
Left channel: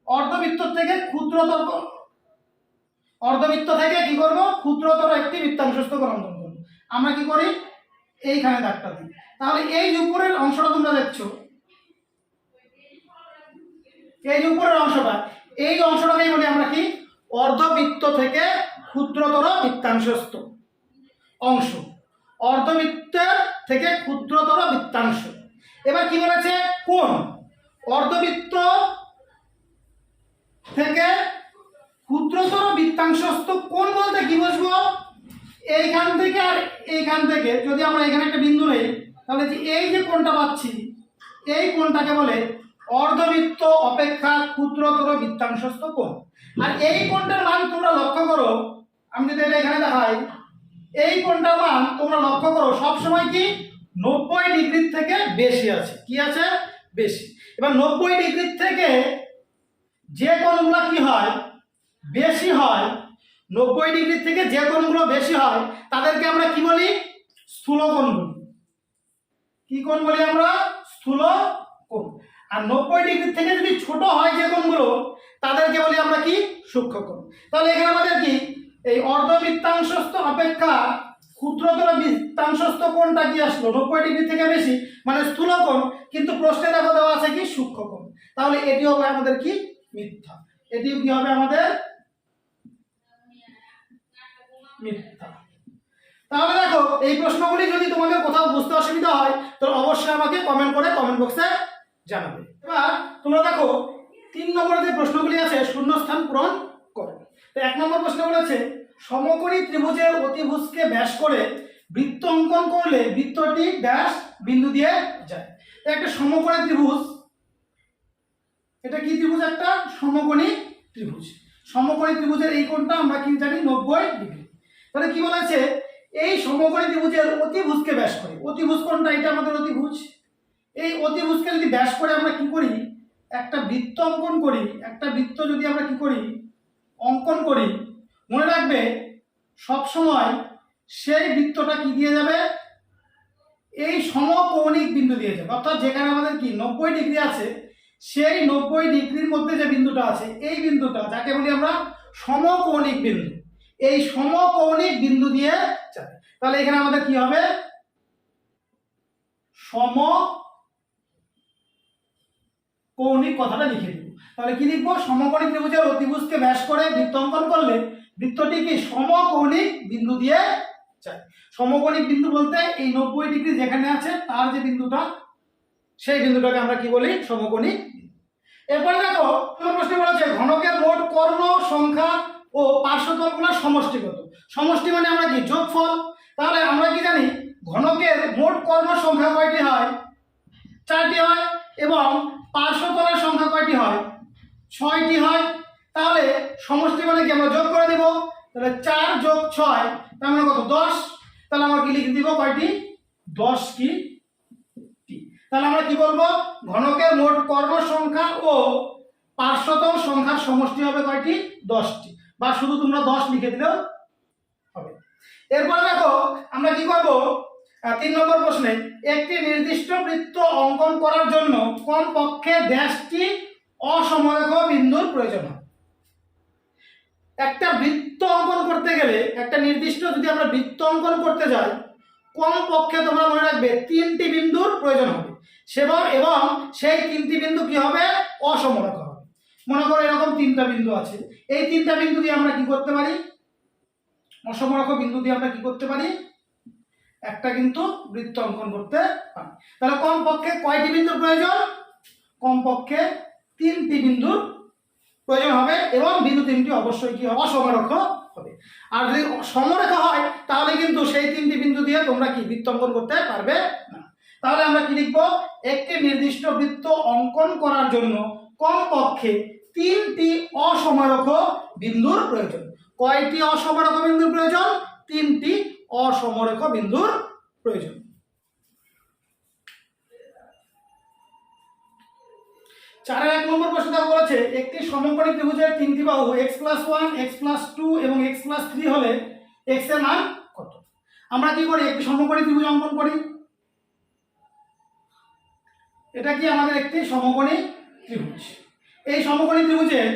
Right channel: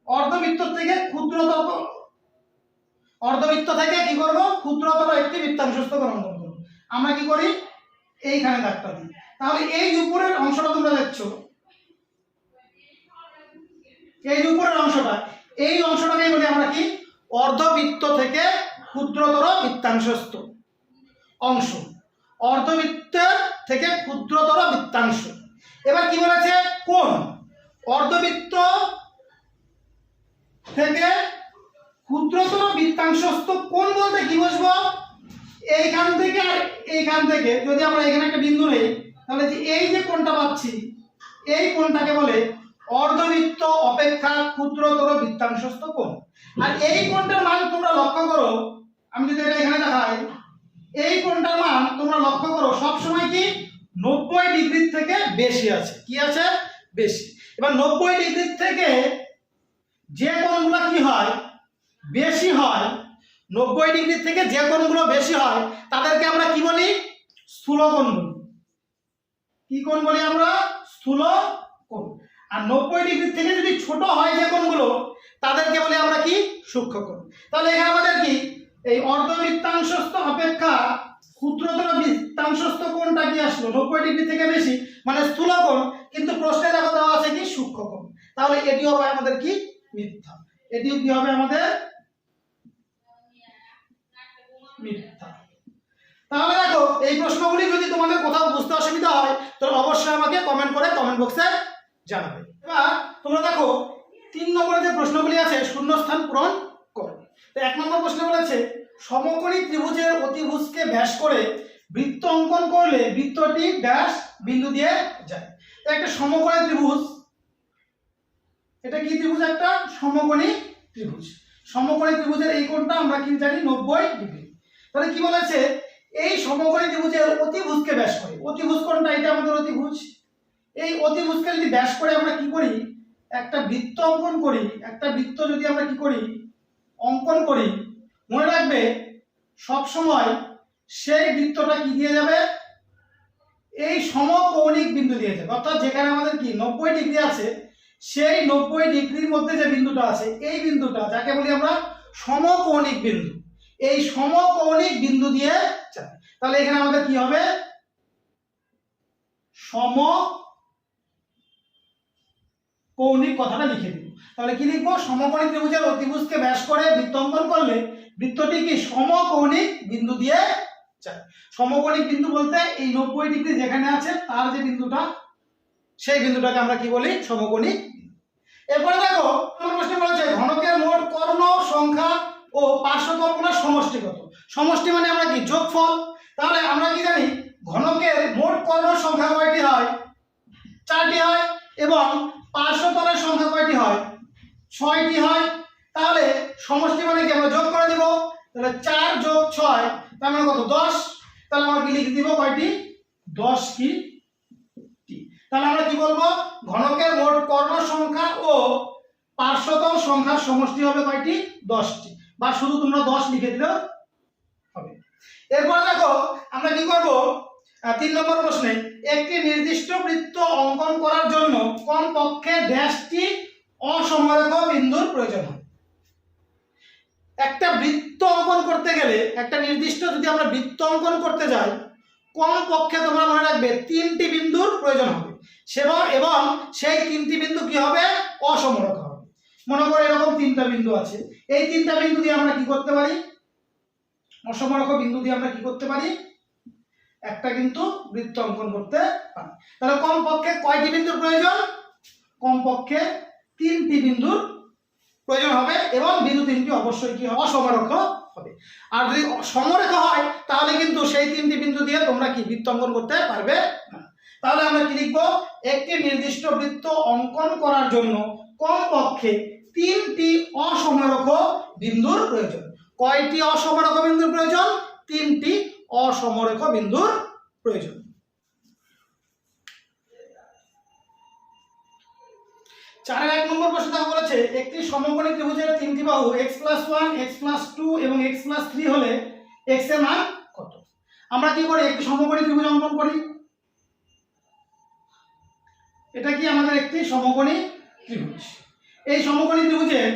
অর্ধবৃত্ত থেকে ক্ষুদ্রতর একটি বৃত্তাংশস্থ কোণ অঙ্কন করব। আমরা কি করি এইখানে দাগটা দিই। তাহলে এই উপরের অংশটা তোমরা দেখছো, এই উপরের অংশটা, এই অংশটাকেই বলি আমরা কি অর্ধবৃত্ত থেকে ক্ষুদ্রতর বৃত্তাংশস্থ অংশ, অর্ধবৃত্তের থেকে ক্ষুদ্রতর বৃত্তাংশ। এবার কি বলেছে কোণ, অর্ধবৃত্ত থেকে ক্ষুদ্রতর বৃত্তাংশস্থ কোণ বলতে কি বুঝবো এইখান থেকে আর এইখান থেকে যদি আমরা এখানে একটা বিন্দু নেই, তাহলে যে এই যে কোণটা পাচ্ছি এই কোণটাকে বলে অর্ধবৃত্ত অপেক্ষা ক্ষুদ্রতর বৃত্তাংশস্থ কোণ। আর এই কোণটার মান তোমরা লক্ষ্য করো, আমি যদি এটা এখানে দেখাই, এই কোণটার মান তোমরা লক্ষ্য করো সব সময় কি 90 ডিগ্রির থেকে বেশি আছে, কি আছে বেশি। এবার 90 ডিগ্রির থেকে যে কোণগুলো কি হয় বেশি হয়, 90 ডিগ্রি থেকে যে কোণগুলো বেশি হয় তাদেরকে আমরা কি বলি স্থূল কোণ বলি। কি কোণ বলি আমরা স্থূল কোণ। আর 90 ডিগ্রি থেকে যদি ছোট হয় যে কোণগুলো তাদেরকে বলি আমরা কি সূক্ষ্ম কোণ। তাহলে এখানে আমাদের কি এই অর্ধবৃত্তাংশস্থ অপেক্ষা ক্ষুদ্রতর বৃত্তাংশস্থ কোণটা কি আসলো 90 ডিগ্রি থেকে বেশি, মানে স্থূল কোণ, কিন্তু প্রশ্নে দেখো দেওয়া আছে কি সূক্ষ্ম কোণ। তাহলে এটি হবে আমাদের কি মিথ্যা, এটিও কি হবে আমাদের মিথ্যা। তাহলে দেখো এই প্রশ্নগুলি যদি তোমাদের কোথাও বুঝতে অসুবিধা হয় তাহলে অবশ্যই আমাকে কমেন্ট করে কমেন্ট বক্সে জানাবে। এবার তোমরা দেখো 3 নম্বরে যে প্রশ্নগুলি আছে শূন্যস্থান পূরণ করো। তো 1 নম্বর প্রশ্ন বলেছে সমকোণী ত্রিভুজের অতিভুজকে ব্যাস করে বৃত্ত অঙ্কন করলে বৃত্তটি ড্যাশ বিন্দু দিয়ে যায়। তো একটা সমকোণী ত্রিভুজ, এটা কি ত্রিভুজ একটা সমকোণী ত্রিভুজ। সমকোণী ত্রিভুজের এই কোণটা আমরা কি জানি 90 ডিগ্রি। তাহলে কি বলেছে এই সমকোণী ত্রিভুজের অতিভুজকে ব্যাস করে, অতিভুজ কোণটা এটা আমাদের অতিভুজ, এই অতিভুজকে যদি ব্যাস করে আমরা কি করি একটা বৃত্ত অঙ্কন করি, একটা বৃত্ত যদি আমরা কি করি অঙ্কন করি, মনে রাখবে সব সময় সেই বৃত্তটা কি দিয়ে যাবে এই সমকৌণিক বিন্দু দিয়ে যাবে। অর্থাৎ যেখানে আমাদের কি 90 ডিগ্রি আছে সেই 90 ডিগ্রির মধ্যে যে বিন্দুটা আছে এই বিন্দুটা যাকে বলি আমরা সমকৌণিক বিন্দু, এই সমকৌণিক বিন্দু দিয়ে যাবে। তাহলে এখানে আমাদের কি হবে সমকৌণিক কথাটা লিখে দিই। তাহলে কি লিখবো, সমকোণী ত্রিভুজের অতিভুজকে ব্যাস করে বৃত্ত অঙ্কন করলে বৃত্তটি কি সমকৌণিক বিন্দু দিয়ে যায়। সমকৌণিক বিন্দু বলতে এই 90 ডিগ্রি যেখানে আছে তার যে বিন্দুটা, সেই বিন্দুটাকে আমরা কি বলি, সমকোণিক। এরপরে দেখো প্রশ্ন বলেছে ঘনকের মোট কর্ণ সংখ্যা ও পার্শ্বতলগুলোর সমষ্টি কত। সমষ্টি মানে আমরা কি, যোগফল। তাহলে আমরা কি জানি, ঘনকের মোট কর্ণ সংখ্যা কয়টি হয়, 4টি হয়, এবং পার্শ্বতলের সংখ্যা কয়টি হয়, 6টি হয়। তাহলে সমষ্টি মানে কি, আমরা যোগ করে দেব। তাহলে 4 যোগ 6 তার মানে কত, 10। তাহলে আমরা কি লিখে দিব, কয়টি, 10 কি টি। তাহলে আমরা কি বলবো, ঘনকের মোট কর্ণ সংখ্যা ও পার্শ্বতল সংখ্যার সমষ্টি হবে কয়টি, 10টি, বা শুধু তোমরা 10 লিখে দিলেও হবে। এরপর দেখো আমরা কি করব, 3 নম্বর প্রশ্নে একটি নির্দিষ্ট বৃত্ত অঙ্কন করার জন্য কমপক্ষে ড্যাশটি অসমরেখ বিন্দুর প্রয়োজন হয়। একটা বৃত্ত অঙ্কন করতে গেলে, একটা নির্দিষ্ট যদি আমরা বৃত্ত অঙ্কন করতে যাই, কমপক্ষে তোমরা মনে রাখবে 3টি বিন্দুর প্রয়োজন হবে, এবং সেই 3টি বিন্দু কি হবে, অসমরেখ হবে। মনে করো এরকম 3টা বিন্দু আছে, এই 3টা বিন্দু দিয়ে আমরা কি করতে পারি, অসমরেখ বিন্দু দিয়ে আমরা কি করতে পারি, একটা কিন্তু বৃত্ত অঙ্কন করতে পারি। তাহলে কমপক্ষে কয়টি বিন্দুর প্রয়োজন, কমপক্ষে 3টি বিন্দুর প্রয়োজন হবে, এবং বিন্দু 3টি অবশ্যই কি হবে, অসমরেখ হবে। আর যদি সমরেখ হয় তাহলে কিন্তু সেই 3টি বিন্দু দিয়ে তোমরা কি বৃত্ত অঙ্কন করতে পারবে না। তাহলে আমরা কি লিখবো, একটি নির্দিষ্ট বৃত্ত অঙ্কন করার জন্য কমপক্ষে 3টি অসমরেখ বিন্দুর প্রয়োজন। কয়টি অসমরেখ বিন্দুর প্রয়োজন, 3টি অসমরেখ বিন্দুর প্রয়োজন। 4 1 নম্বর প্রশ্নটা বলেছে একটি সমকোণী ত্রিভুজের 3টি বাহু x+1 x+2 এবং x+3 হলে x এর মান কত। আমরা কি করি, একটি সমকোণী ত্রিভুজ অঙ্কন করি। এটা কি আমাদের একটি সমকোণী ত্রিভুজ। এই সমকোণী ত্রিভুজের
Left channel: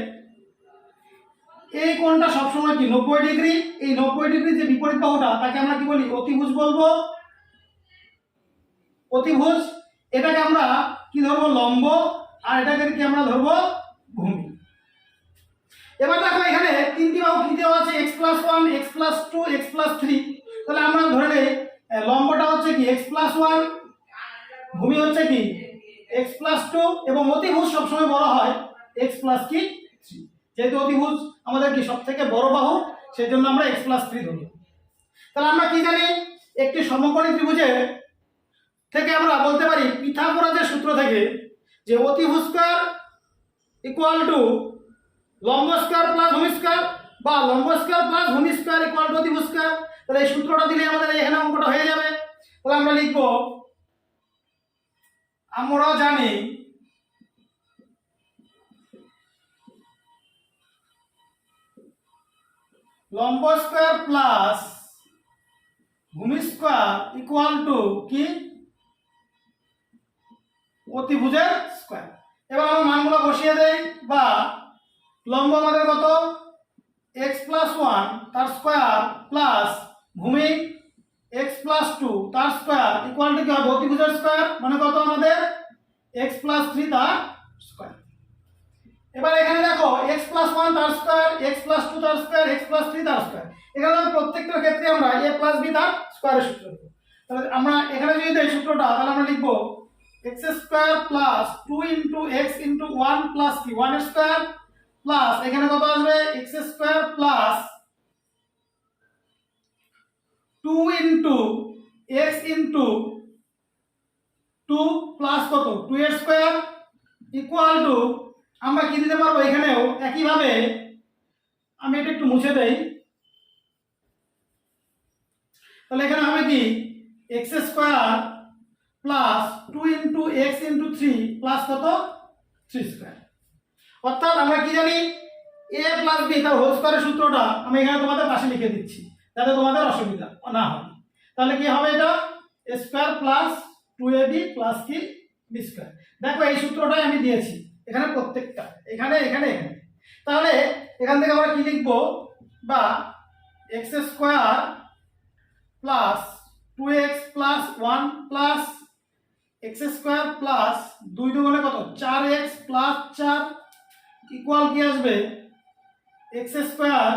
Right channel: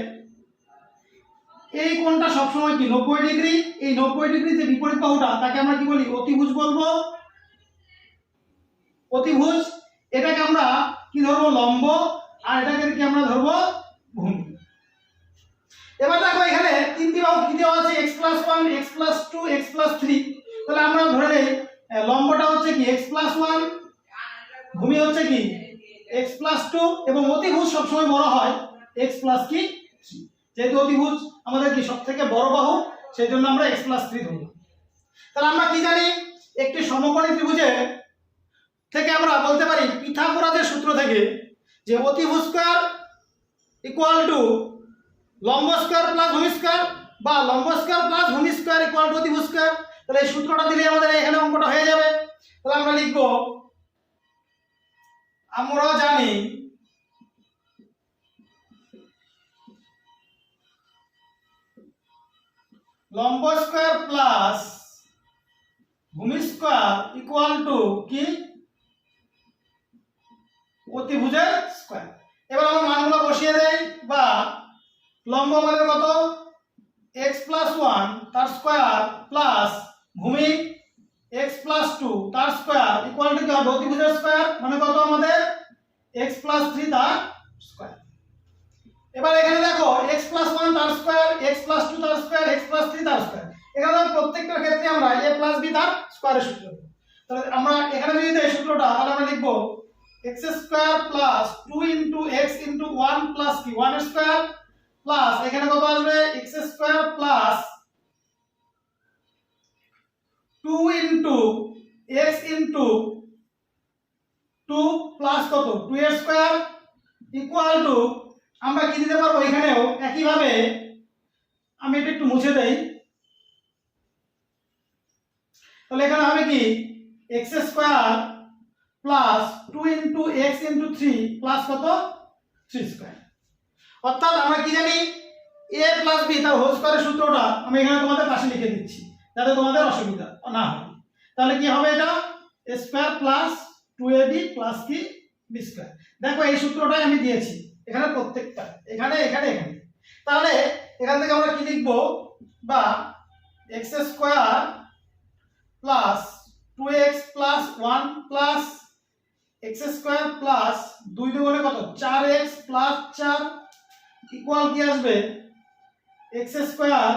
এই কোণটা সবসময় কি 90 ডিগ্রি। এই 90 ডিগ্রি যে বিপরীত বাহুটা তাকে আমরা কি বলি, অতিভুজ বলবো, অতিভুজ। এটাকে আমরা কি ধরবো, লম্ব, আর এটাকে কি আমরা ধরবো, ভূমি। এবার দেখো এখানে 3টি বাহু কি দেওয়া আছে, x+1 x+2 x+3। তাহলে আমরা ধরে নেই লম্বটা হচ্ছে কি x+1, ভূমি হচ্ছে কি x+2, এবং অতিভুজ সবসময় বড় হয় x+3। যেহেতু অতিভুজ আমাদের কি সবথেকে বড় বাহু, সেই জন্য আমরা x+3 ধরি। তাহলে আমরা কি জানি, একটি সমকোণী ত্রিভুজের থেকে আমরা বলতে পারি পিথাগোরাসের সূত্র থেকে, যে অতিভুজ স্কয়ার ইকুয়াল টু লম্ব স্কয়ার প্লাস ভূমি স্কয়ার, বা লম্ব স্কয়ার প্লাস ভূমি স্কয়ার ইকুয়াল টু অতিভুজ স্কয়ার। তাহলে এই সূত্রটা দিলে আমাদের এখানে অঙ্কটা হয়ে যাবে। তাহলে আমরা লিখব, আমরা জানি লম্ব স্কয়ার প্লাস ভূমি স্কয়ার ইকুয়াল টু কি, অতিভুজের স্কয়ার। এবার আমরা মানগুলো বসিয়ে দেই, বা লম্ব আমাদের কত, x+1 তার স্কয়ার প্লাস ভূমি x+2 তার স্কয়ার ইকুয়াল টু কি হবে, অতিভুজের স্কয়ার, মানে কত আমাদের x+3 তার স্কয়ার। এবার এখানে দেখো x+1 তার স্কয়ার, x+2 তার স্কয়ার, x+3 তার স্কয়ার। এখানে প্রত্যেকটার ক্ষেত্রে আমরা a + b তার স্কয়ারের সূত্র দেব। তাহলে আমরা এখানে যদি দেই সূত্রটা, তাহলে আমরা লিখব x² + 2 * x * 1 + কি 1 স্কয়ার প্লাস এখানে কত আসবে, x² + 2 * x * 2 প্লাস কত 2 এর স্কয়ার ইকুয়াল টু, আমরা কি দিতে পারবো, এখানেও একই ভাবে আমি এটা একটু মুছে দেই। তাহলে এখানে হবে কি x² + 2 * x * 3 প্লাস কত 3 স্কয়ার। অর্থাৎ আমরা কি জানি, a + b তার হোল স্কয়ারের সূত্রটা আমি এখানে তোমাদের পাশে লিখে দিচ্ছি যাতে তোমাদের অসুবিধা না হয়। তাহলে কি হবে, এটা a² + 2ab + কি b স্কয়ার। দেখো এই সূত্রটাই আমি দিয়েছি এখানে, প্রত্যেকটা এখানে এখানে এখানে। তাহলে এখান থেকে আমরা কি লিখব, বা x² + 2x + 1 + x² + 2 * কত 4x + 4 ইকুয়াল কি আসবে x square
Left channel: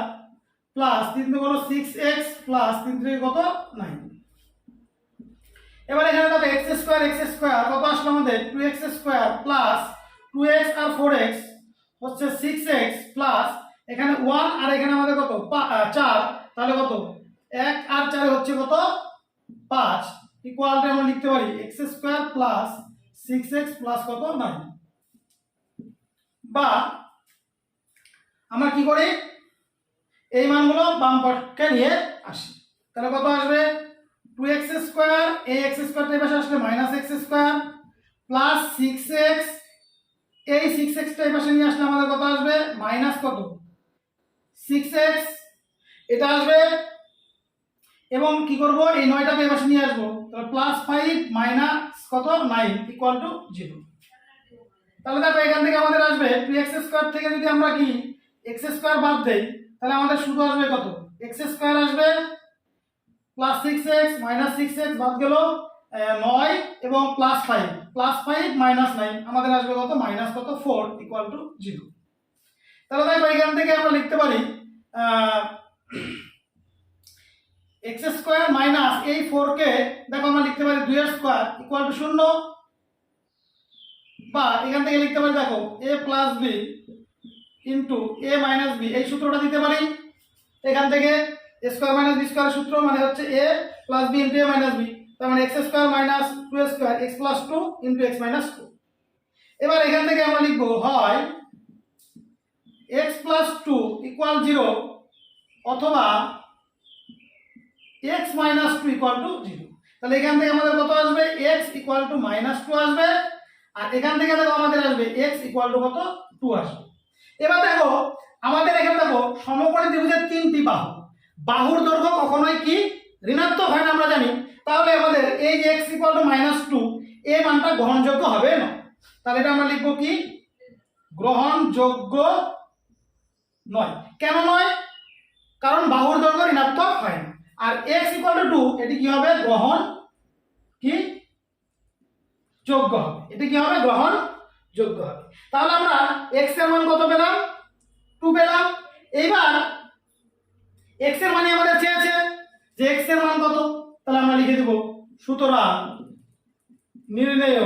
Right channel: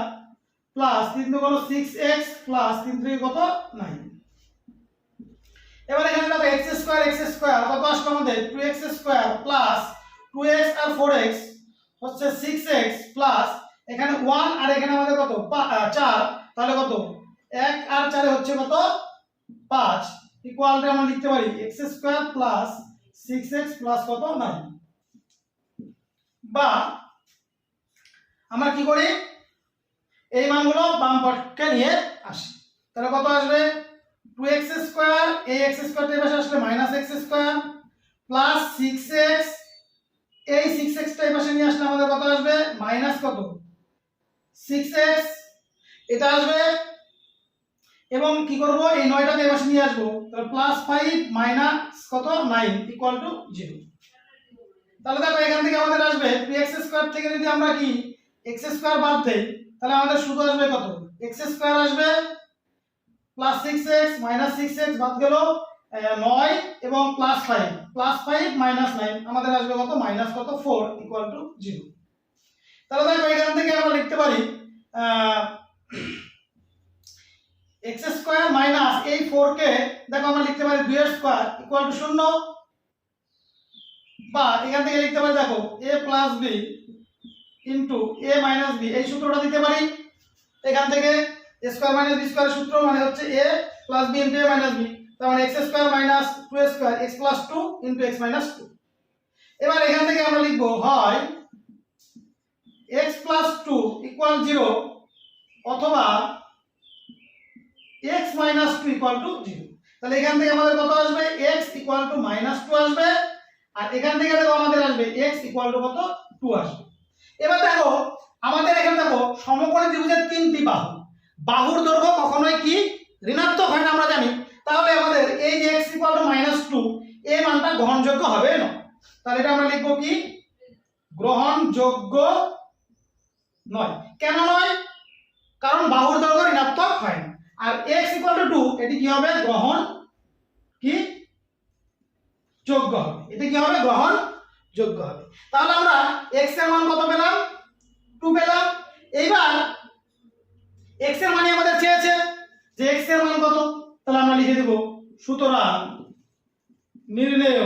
plus 3 × 6x plus 3 × কত 9। এবার এখানে দেখো x স্কয়ার কত আসলো আমাদের 2x স্কয়ার প্লাস 2x আর 4x হচ্ছে 6x প্লাস এখানে 1 আর এখানে আমাদের কত 4, তাহলে কত 1 আর 4 হচ্ছে কত 5, ইকুয়ালটা আমরা লিখতে পারি x square plus 6x plus কত 9। বা আমরা কি করি এই মানগুলো বাম পক্ষে নিয়ে আসি, তাহলে কত আসবে 2x স্কয়ার, এই x স্কয়ারটা এই পাশে আসলে -x স্কয়ার প্লাস 6x, এই 6x টা এই পাশে নিয়ে আসলে আমাদের কত আসবে মাইনাস কত 6x এটা আসবে, এবং কি করব এই 9টাকে এই পাশে নিয়ে আসবো, তাহলে +5 মাইনাস কত 9 ইকুয়াল টু 0। তাহলে দেখো এখান থেকে আমাদের আসবে 2x স্কয়ার থেকে যদি আমরা কি x স্কয়ার বাদ দেই তাহলে আমাদের শুধু আসবে কত x স্কয়ার আসবে প্লাস 6x মাইনাস 6x বাদ গেল 9 এবং +5 মাইনাস 9 আমাদের আসবে কত মাইনাস কত 4 ইকুয়াল টু 0। তাহলে দেখো এখান থেকে আমরা লিখতে পারি x স্কয়ার মাইনাস এই 4 কে দেখো আমরা লিখতে পারি 2 এর স্কয়ার ইকুয়াল টু 0, বা এখান থেকে লিখতে পারি দেখো a plus b into a minus b, এই সূত্রটা দিতে পারি এখান থেকে a স্কয়ার মাইনাস b স্কয়ারের সূত্র মানে হচ্ছে a plus b into a minus b, তার মানে x square minus 2 square x plus 2 into x minus 2। এবার এখান থেকে আমরা লিখব হয় x প্লাস 2 ইকুয়াল 0 অথবা x মাইনাস 2 ইকুয়াল টু 0। তাহলে এখান থেকে আমাদের কত আসবে x ইকুয়াল টু -2 আসবে, আর এখান থেকে দেখো আমাদের আসবে x ইকুয়াল টু কত 2 আসবে। এবার দেখো আমাদের এখানে দেখো সমকোণী ত্রিভুজের 3টি বাহু, বাহুর দৈর্ঘ্য কখনোই কি ঋণাত্মক হয় না আমরা জানি, তাহলে আমাদের এই যে x ইকুয়াল টু -2 এই মানটা গ্রহণযোগ্য হবে না, তাহলে এটা আমরা লিখব কি গ্রহণযোগ্য নয়। কেন নয়? কারণ বাহুর দৈর্ঘ্য ঋণাত্মক হয় না, আর x ইকুয়াল টু 2 এটি কি হবে গ্রহণ কি যোগ্য হবে, এটি কি হবে গ্রহণ যোগ্য হবে। তাহলে আমরা x এর মান কত পেলাম 2 পেলাম। এইবার x এর মানে আমাদের চেয়েছে যে x এর মান কত, তাহলে আমরা লিখে দেব সুতরাং নির্ণেয়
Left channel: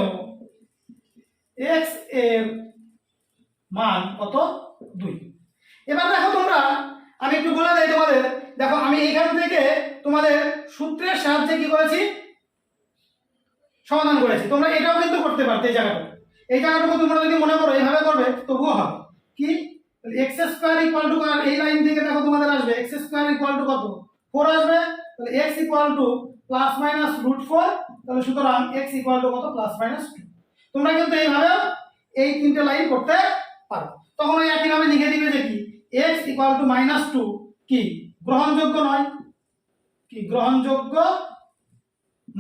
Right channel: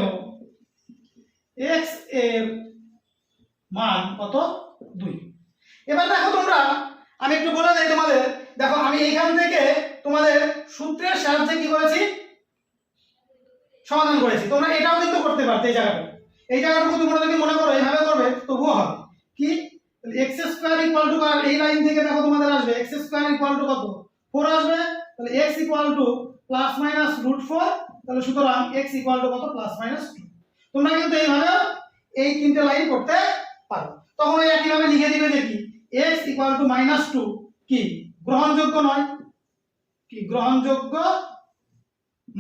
x এর মান কত 2। এবার দেখো তোমরা আমি একটু বলে দেই তোমাদের, দেখো আমি এইখান থেকে তোমাদের সূত্রের সাহায্যে কি করেছি সমাধান করেছি, তোমরা এটাও কিন্তু করতে পারতে এই জায়গাটুকু তোমরা যদি মনে করো এইভাবে করবে তবুও হবে কি x স্কয়ার ইকুয়াল টু, কারণ এই লাইন থেকে দেখো তোমাদের আসবে x স্কয়ার ইকুয়াল টু কত 4 আসবে, তাহলে x ইকুয়াল টু +-√4, তাহলে সুতরাং x ইকুয়াল টু কত +-2। তোমরা কিন্তু এইভাবে এই তিনটে লাইন করতে পারো, তখন ওই একই ভাবে লিখে দিবে যে কি x ইকুয়াল টু -2 কি গ্রহণযোগ্য নয়, কি গ্রহণযোগ্য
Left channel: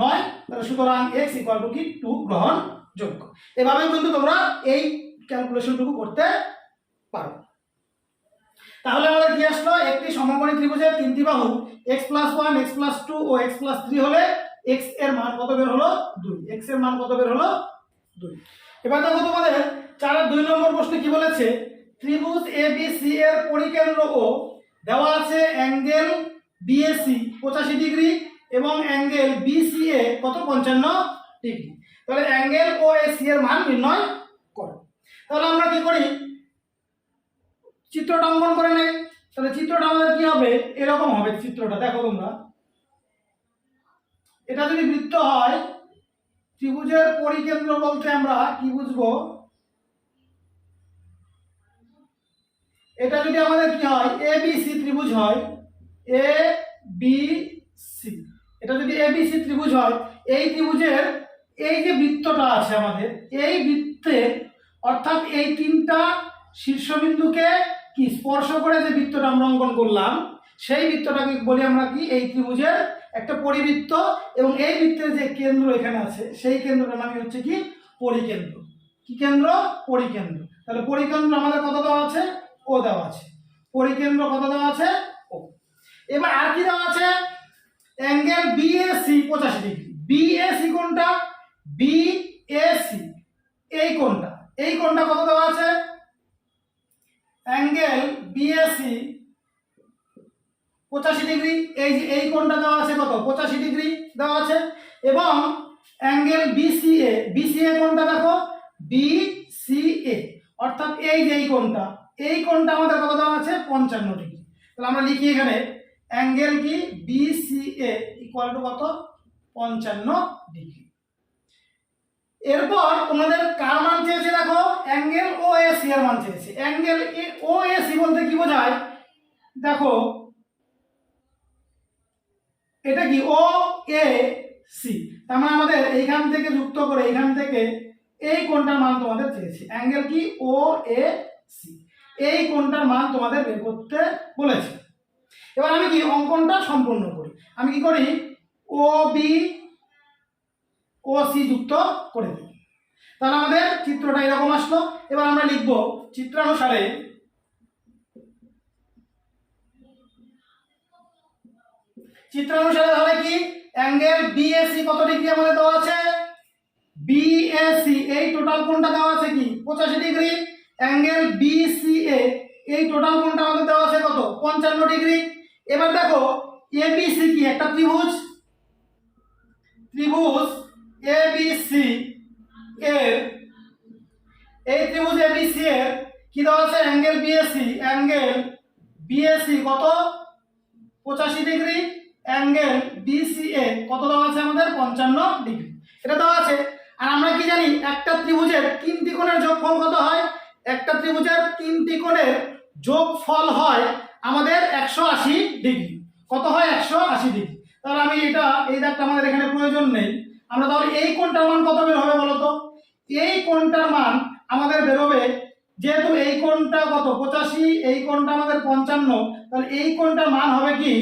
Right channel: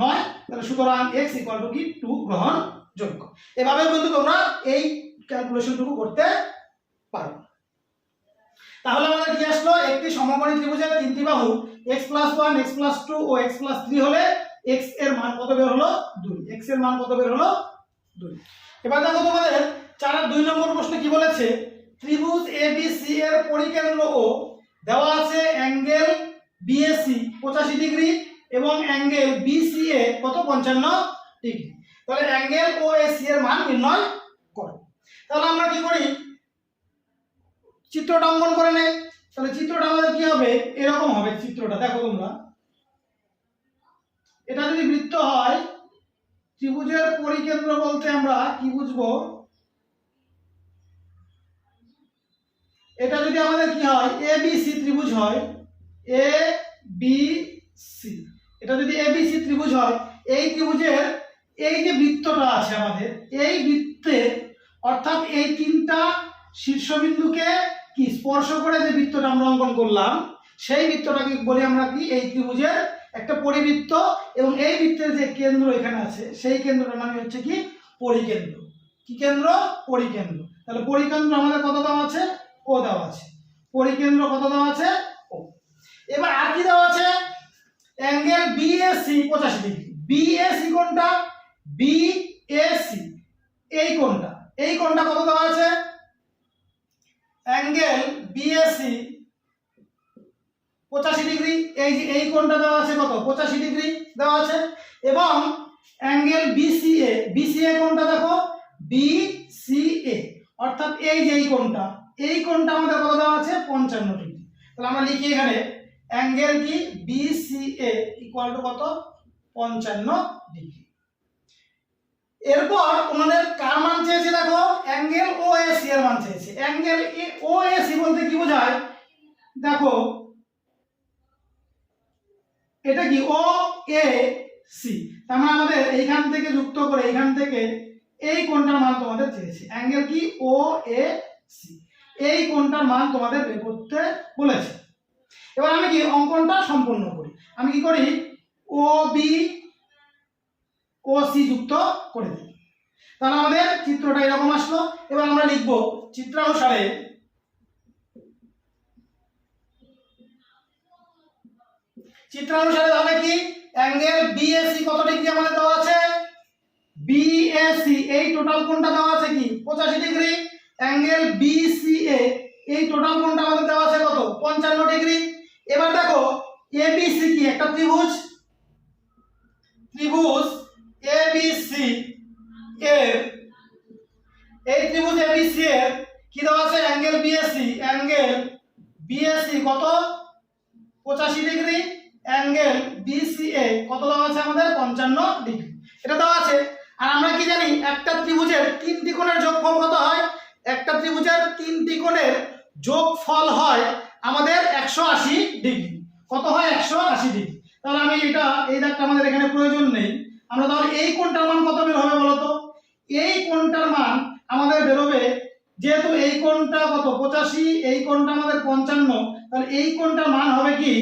নয়, তাহলে সুতরাং x ইকুয়াল টু কি 2 গ্রহণযোগ্য। এভাবে কিন্তু তোমরা এই ক্যালকুলেশনটুকু করতে পারো। তাহলে আমাদের কি আসলো একটি সমকোণী ত্রিভুজের 3টি বাহু x + 1 x + 2 ও x + 3 হলে x এর মান কত বের হলো 2, x এর মান কত বের হলো 2। এবার দেখো তোমাদের 4 2 নম্বর প্রশ্নে কি বলেছে ত্রিভুজ ABC এর পরিকেন্দ্র ও দেওয়া আছে অ্যাঙ্গেল BAC 85 ডিগ্রি এবং অ্যাঙ্গেল BCA কত 55 ডিগ্রি। তাহলে অ্যাঙ্গেল OAC এর মান নির্ণয় করো। তাহলে আমরা কি করি চিত্রটা অঙ্কন করে নেই, তাহলে চিত্রটা আমাদের কি হবে এরকম হবে চিত্রটা, দেখো তোমরা এটা যদি বৃত্ত হয় ত্রিভুজের পরিকেন্দ্র বলতে আমরা কি বুঝবো, এটা যদি আমাদের কি হয় ABC ত্রিভুজ হয় ABC, এটা যদি ABC ত্রিভুজ হয় এই ত্রিভুজের এই যে বৃত্তটা আছে আমাদের এই বৃত্তের অর্থাৎ এই তিনটা শীর্ষবিন্দুকে কি স্পর্শ করে যে বৃত্তটা আমরা অঙ্কন করলাম সেই বৃত্তটাকে বলি আমরা কি এই ত্রিভুজের একটা পরিবৃত্ত, এবং এই বৃত্তের যে কেন্দ্র এখানে আছে সেই কেন্দ্রটার মানে হচ্ছে কি পরিকেন্দ্র। কি কেন্দ্র পরিকেন্দ্র। তাহলে পরিকেন্দ্র আমাদের কত দেওয়া আছে ও দেওয়া আছে, পরিকেন্দ্র কত দেওয়া আছে ও। এবার আর কি দেওয়া আছে অ্যাঙ্গেল BAC 85 ডিগ্রি। BAC কোনটা BAC এই কোনটা কত দেওয়া আছে অ্যাঙ্গেল বিএসি 85 ডিগ্রি, এই যে এই কোণটা দেওয়া আছে কত 85 ডিগ্রি দেওয়া আছে, এবং অ্যাঙ্গেল বিসিএ, বিসিএ কোণটা দেখো বিসিএ অর্থাৎ এই যে এই কোণটা আমাদের কত দেওয়া আছে 55 ডিগ্রি। তাহলে আমরা লিখি এখানে অ্যাঙ্গেল কি বিসিএ ইকুয়াল টু কত 55 ডিগ্রি। এরপর তোমাদের কার মান চেয়েছে দেখো অ্যাঙ্গেল ওএসি এর মান চেয়েছে। অ্যাঙ্গেল ওএসি বলতে কি বোঝায় দেখো এটা কি ও এ সি, তার মানে আমাদের এইখান থেকে যুক্ত করে এইখান থেকে এই কোণটার মান তোমাদের চেয়েছে। অ্যাঙ্গেল কি ও এ সি, এই কোণটার মান তোমাদের বের করতে বলেছে। এবার আমি কি অঙ্কনটা সম্পূর্ণ করি, আমি কি করি ও বি ও সি যুক্ত করে দিই। তাহলে আমাদের চিত্রটা এরকম আসলো। এবার আমরা লিখব চিত্রানুসারে তাহলে কি অ্যাঙ্গেল বিএসি কত ডিগ্রি আমাদের দেওয়া আছে, বিএসি এই টোটাল কোণটা দেওয়া আছে কি 85 ডিগ্রি, অ্যাঙ্গেল বিসিএ এই টোটাল কোণটা আমাদের দেওয়া আছে কত 55 ডিগ্রি। এবার দেখো এবিসি কি একটা ত্রিভুজ এবিসি এর এই ত্রিভুজ এবিসি এর কি দেওয়া আছে অ্যাঙ্গেল বিএসি কত 85 ডিগ্রি, অ্যাঙ্গেল বিসিএ কত দেওয়া আছে আমাদের 55 ডিগ্রি, এটা দেওয়া আছে। আর আমরা কি জানি একটা ত্রিভুজের তিনটি কোণের যোগফল কত হয়, একটা ত্রিভুজের তিনটি কোণের যোগফল হয় আমাদের 180 ডিগ্রি, কত হয় 180 ডিগ্রি। তাহলে আমি এটা এই দাগটা আমাদের এখানে প্রয়োজন নেই, আমরা তাহলে এই কোণটার মান কত বের হবে বলো তো, এই কোণটার মান আমাদের বেরোবে যেহেতু এই কোণটা কত 85, এই কোণটা আমাদের 55, তাহলে এই কোণটার মান হবে কি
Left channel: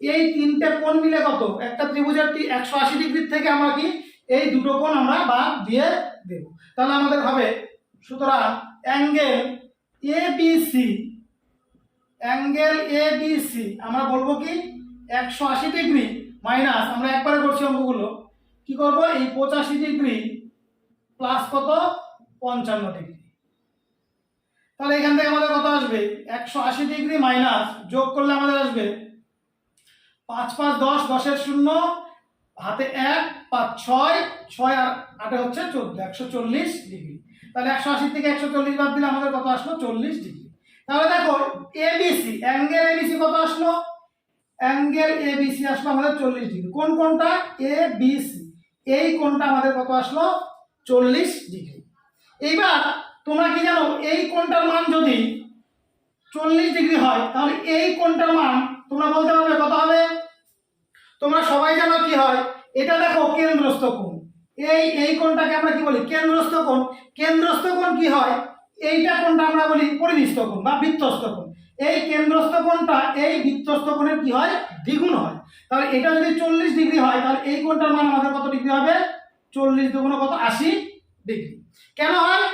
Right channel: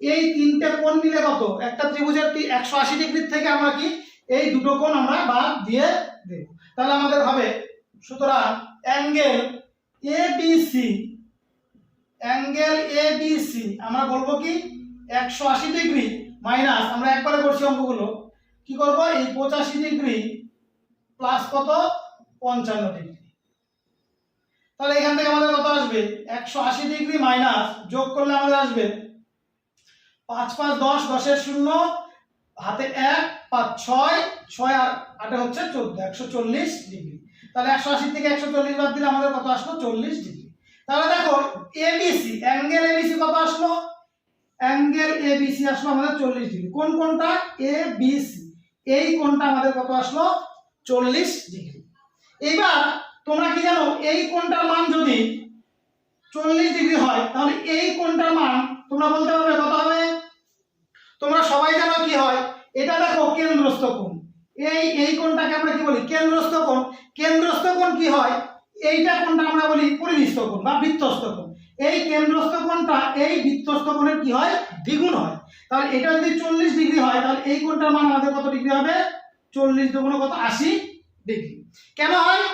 এই তিনটে কোণ মিলে কত একটা ত্রিভুজের 180 ডিগ্রির থেকে আমরা কি এই দুটো কোণ আমরা বাদ দিয়ে দেব। তাহলে আমাদের হবে সুতরাং অ্যাঙ্গেল এবিসি আমরা বলবো কি 180 ডিগ্রি মাইনাস, আমরা একবারে করছি অঙ্কগুলো, কি করব এই 85 ডিগ্রি প্লাস কত 55 ডিগ্রি। তাহলে এখান থেকে আমাদের কত আসবে 180 ডিগ্রি মাইনাস যোগ করলে আমাদের আসবে 5 5 10, 10 এর 0 হাতে 1 5 6 6 আর 8 হচ্ছে 14, 140 ডিগ্রি। তাহলে 180 থেকে 140 বাদ দিলে আমাদের কত আসলো 40 ডিগ্রি। তাহলে দেখো এবিসি অ্যাঙ্গেল এবিসি কত আসলো, অ্যাঙ্গেল এবিসি আসলো আমাদের 40 ডিগ্রি। কোন কোণটা এবিসি, এই কোণটা আমাদের কত আসলো 40 ডিগ্রি। এইবার তোমরা কি জানো এই কোণটার মান যদি 40 ডিগ্রি হয় তাহলে এই কোণটার মান তোমরা বলতে পারবে কত হবে, তোমরা সবাই জানো কি হয় এটা দেখো কেন্দ্রস্থ কোণ, এই কোণটাকে আমরা কি বলি কেন্দ্রস্থ কোণ। কেন্দ্রস্থ কোণ কি হয় এইটা কোণটা আমরা বলি পরিনিষ্ঠ কোণ বা বৃত্তস্থ কোণ। এই কেন্দ্রস্থ কোণটা এই বৃত্তস্থ কোণের কি হয় দ্বিগুণ হয়। তাহলে এটা যদি 40 ডিগ্রি হয় তাহলে এই কোণটার মান আমাদের কত ডিগ্রি হবে 40 দুগুণে কত 80 ডিগ্রি। কেন হয়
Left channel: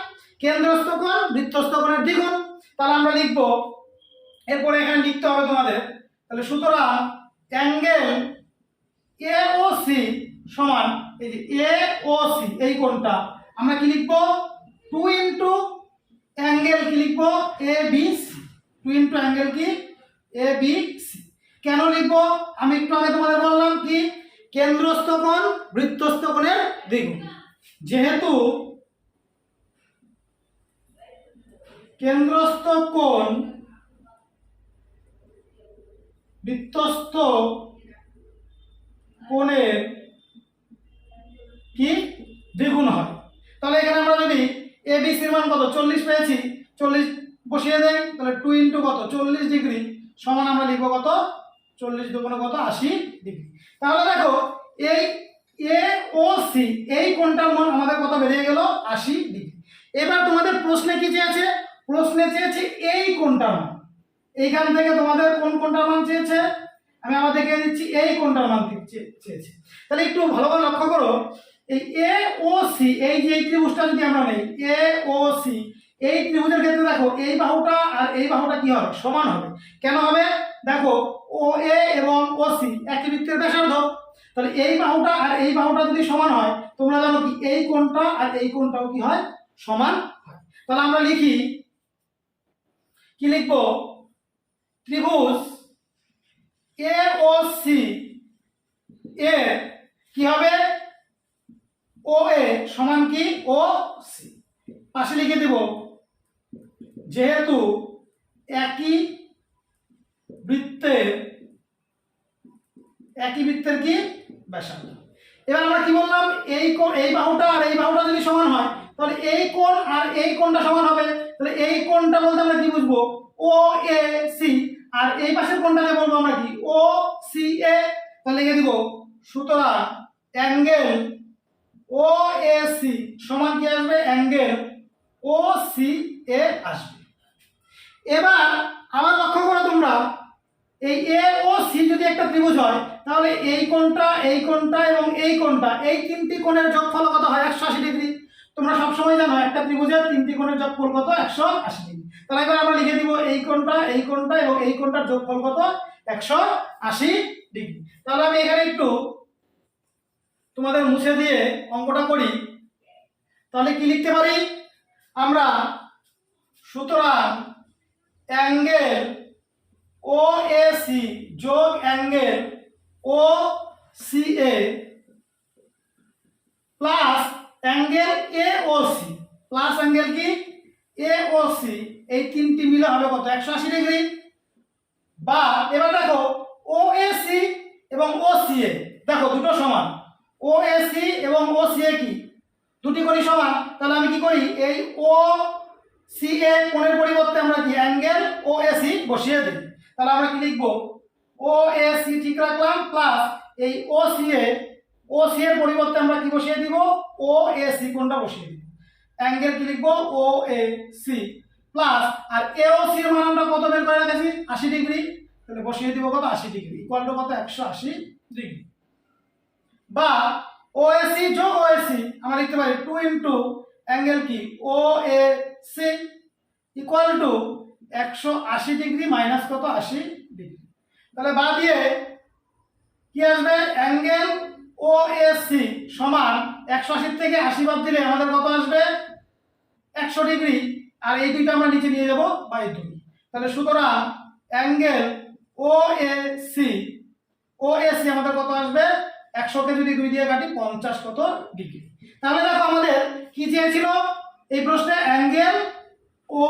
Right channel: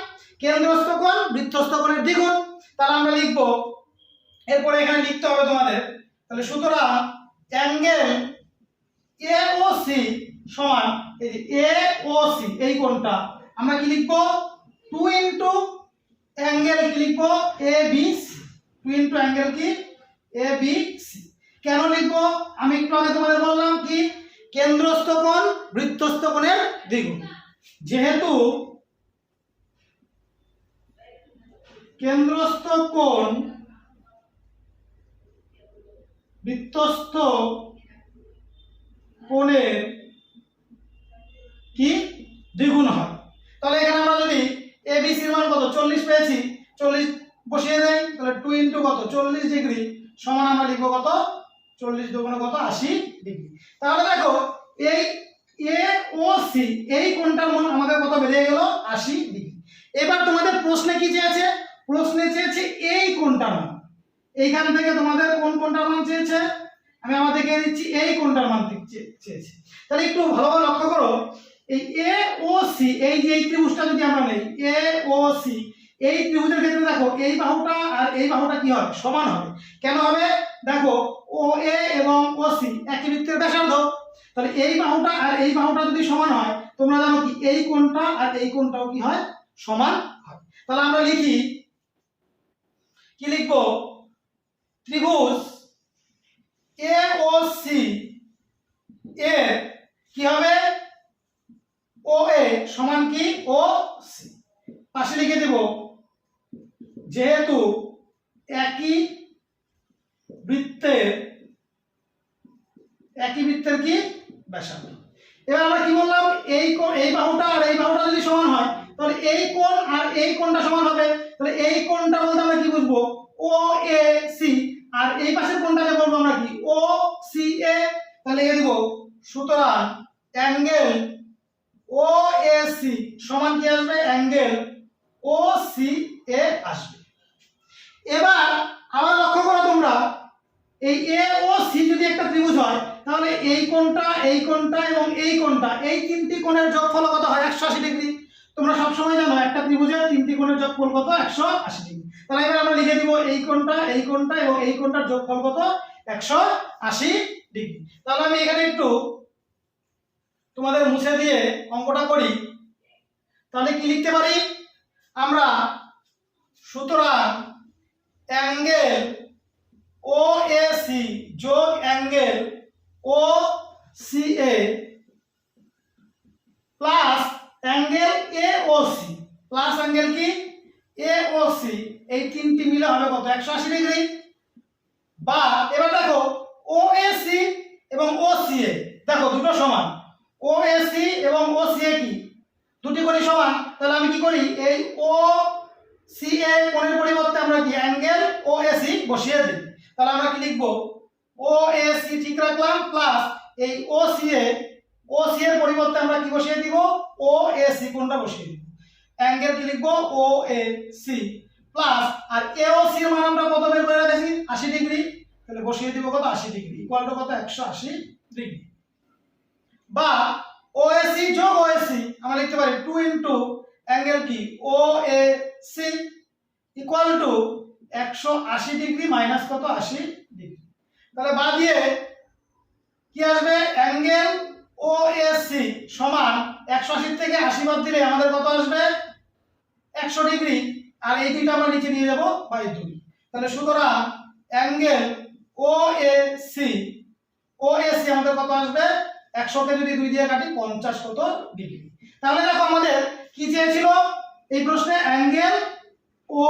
কেন্দ্রস্থ কোণ বৃত্তস্থ কোণের দ্বিগুণ। তাহলে আমরা লিখব এরপরে এখানে লিখতে হবে তোমাদের, তাহলে সুতরাং অ্যাঙ্গেল এওসি সমান এই যে এওসি এই কোণটা আমরা কি লিখব 2 ইনটু অ্যাঙ্গেল কি লিখব এবিসি, 2 ইনটু অ্যাঙ্গেল কি এবিসি। কেন লিখব আমি একটু আগে তোমাদের বললাম কি কেন্দ্রস্থ কোণ বৃত্তস্থ কোণের দ্বিগুণ, যেহেতু কেন্দ্রস্থ কোণ বৃত্তস্থ কোণের কি দ্বিগুণ হয়। তাহলে এখানে আমরা যদি এবিসির মান কত 40 পেয়েছি, 40 বসিয়ে দেই, তাহলে 2 ইনটু কত 40 ডিগ্রি সমান আমরা লিখব কত 40 দুগুণে কত 80 ডিগ্রি। তাহলে দেখো এই এওসি এই কোণটার মান আমাদের কত বেরিয়ে গেল 80 ডিগ্রি। এবার তোমাদের প্রশ্নে কি চেয়েছে, প্রশ্নে চেয়েছে এই কোণটার মান, এইখান থেকে তোমাদের কোন কোণটার মান চেয়েছে আমি আমার দেখিয়ে দিচ্ছি, এই কোণটার মান চেয়েছে। তাহলে একটু ভালোভাবে লক্ষ্য করো এই এওসি এই যে এই ত্রিভুজটা যদি আমরা নেই এওসি এই ত্রিভুজের ক্ষেত্রে দেখো এই বাহুটা আর এই বাহুটা কি হবে সমান হবে। কেন হবে দেখো ও এ এবং ওসি একই বৃত্তের ব্যাসার্ধ, তাহলে এই বাহুটা আর এই বাহুটা যদি সমান হয় তোমরা জানো কি এই কোণটা আর এই কোণটাও কি হয় সমান হয়। তাহলে আমরা লিখি কি লিখবো, ত্রিভুজ এ ও সি এর কি হবে, ও এ সমান কি ও সি। পাশে লিখে দেব যেহেতু একই বৃত্তের কি ব্যাসার্ধ। এবার আমরা কি বললাম, এই বাহুটা আর এই বাহুটা যদি সমান হয় তাহলে এই কোণ আর এই কোণটা সমান হবে। তাহলে এই কোণটা বলতে আমরা কি বুঝবো, ও এ সি, আর এই পাশের কোণটাকে বলবো আমরা কি ও সি এ। তাহলে লিখে দিব সুতরাং অ্যাঙ্গেল ও এ সি সমান কি আসবে, অ্যাঙ্গেল ও সি এ আসবে। এবার আবার লক্ষ্য করো তোমরা, এই এ ও সি যদি একটা ত্রিভুজ হয় তাহলে এই কোণটা এবং এই কোণটা, এই তিনটি কোণের যোগফল কত হয়, 180 ডিগ্রি। তোমরা সবসময় জানো একটা ত্রিভুজের তিনটি কোণের যোগফল কত, 180 ডিগ্রি। তাহলে এবার আমরা লিখে দিব এই কোণটা এবং এই কোণটার যোগফল কত, 180 ডিগ্রি। তাহলে আমি এখানে একটু তোমাদের মুছে দিয়ে অঙ্কটা করি। তাহলে কি লিখতে পারি আমরা, সুতরাং অ্যাঙ্গেল ও এ সি যোগ angle O C A plus angle A O C plus angle কি এ ও সি, এই তিনটি মিলে হবে কত, 180 ডিগ্রি। বা এবার দেখো ও এ সি এবং ও সি এ, দেখো দুটো সমান, ও এ সি এবং ও সি এ কি দুটি কোণই সমান। তাহলে আমি কি করি, এই ও সি এ কোণের পরিবর্তে আমরা কি অ্যাঙ্গেল ও এ সি বসিয়ে দিই। তাহলে আমরা কি লিখবো, ও এ সি ঠিক রাখলাম প্লাস এই ও সি এর পরিবর্তে আমরা কি বসিয়ে দিব, ও এ সি কোণটা বসিয়ে দিব। অ্যাঙ্গেল কি লিখবো, ও এ সি প্লাস, আর এ ও সি এর মান আমরা কত বের করে রেখেছি, 80 ডিগ্রি। তাহলে বসিয়ে দিব কত, 80 ডিগ্রি ইকুয়াল টু কত, 180 ডিগ্রি। বা ও এ সি যোগ ও এ সি আমরা লিখতে পারি 2 ইনটু অ্যাঙ্গেল কি O A C equal to 180 degree minus কত, 80 ডিগ্রি। তাহলে বাদ দিয়ে কি আসবে, অ্যাঙ্গেল ও এ সি সমান 180 থেকে 80 বাদ দিলে আমাদের কত আসবে, 100 ডিগ্রি। আর এই দুইটা আমরা নিচে নিয়ে যাব বাই 2। তাহলে সুতরাং অ্যাঙ্গেল ও এ সি আমাদের কত আসবে, 100 কে যদি 2 দিয়ে কাটি 50 কত ডিগ্রি। তাহলে দেখো আমাদের কি চেয়েছিল এই প্রশ্নে, অ্যাঙ্গেল ও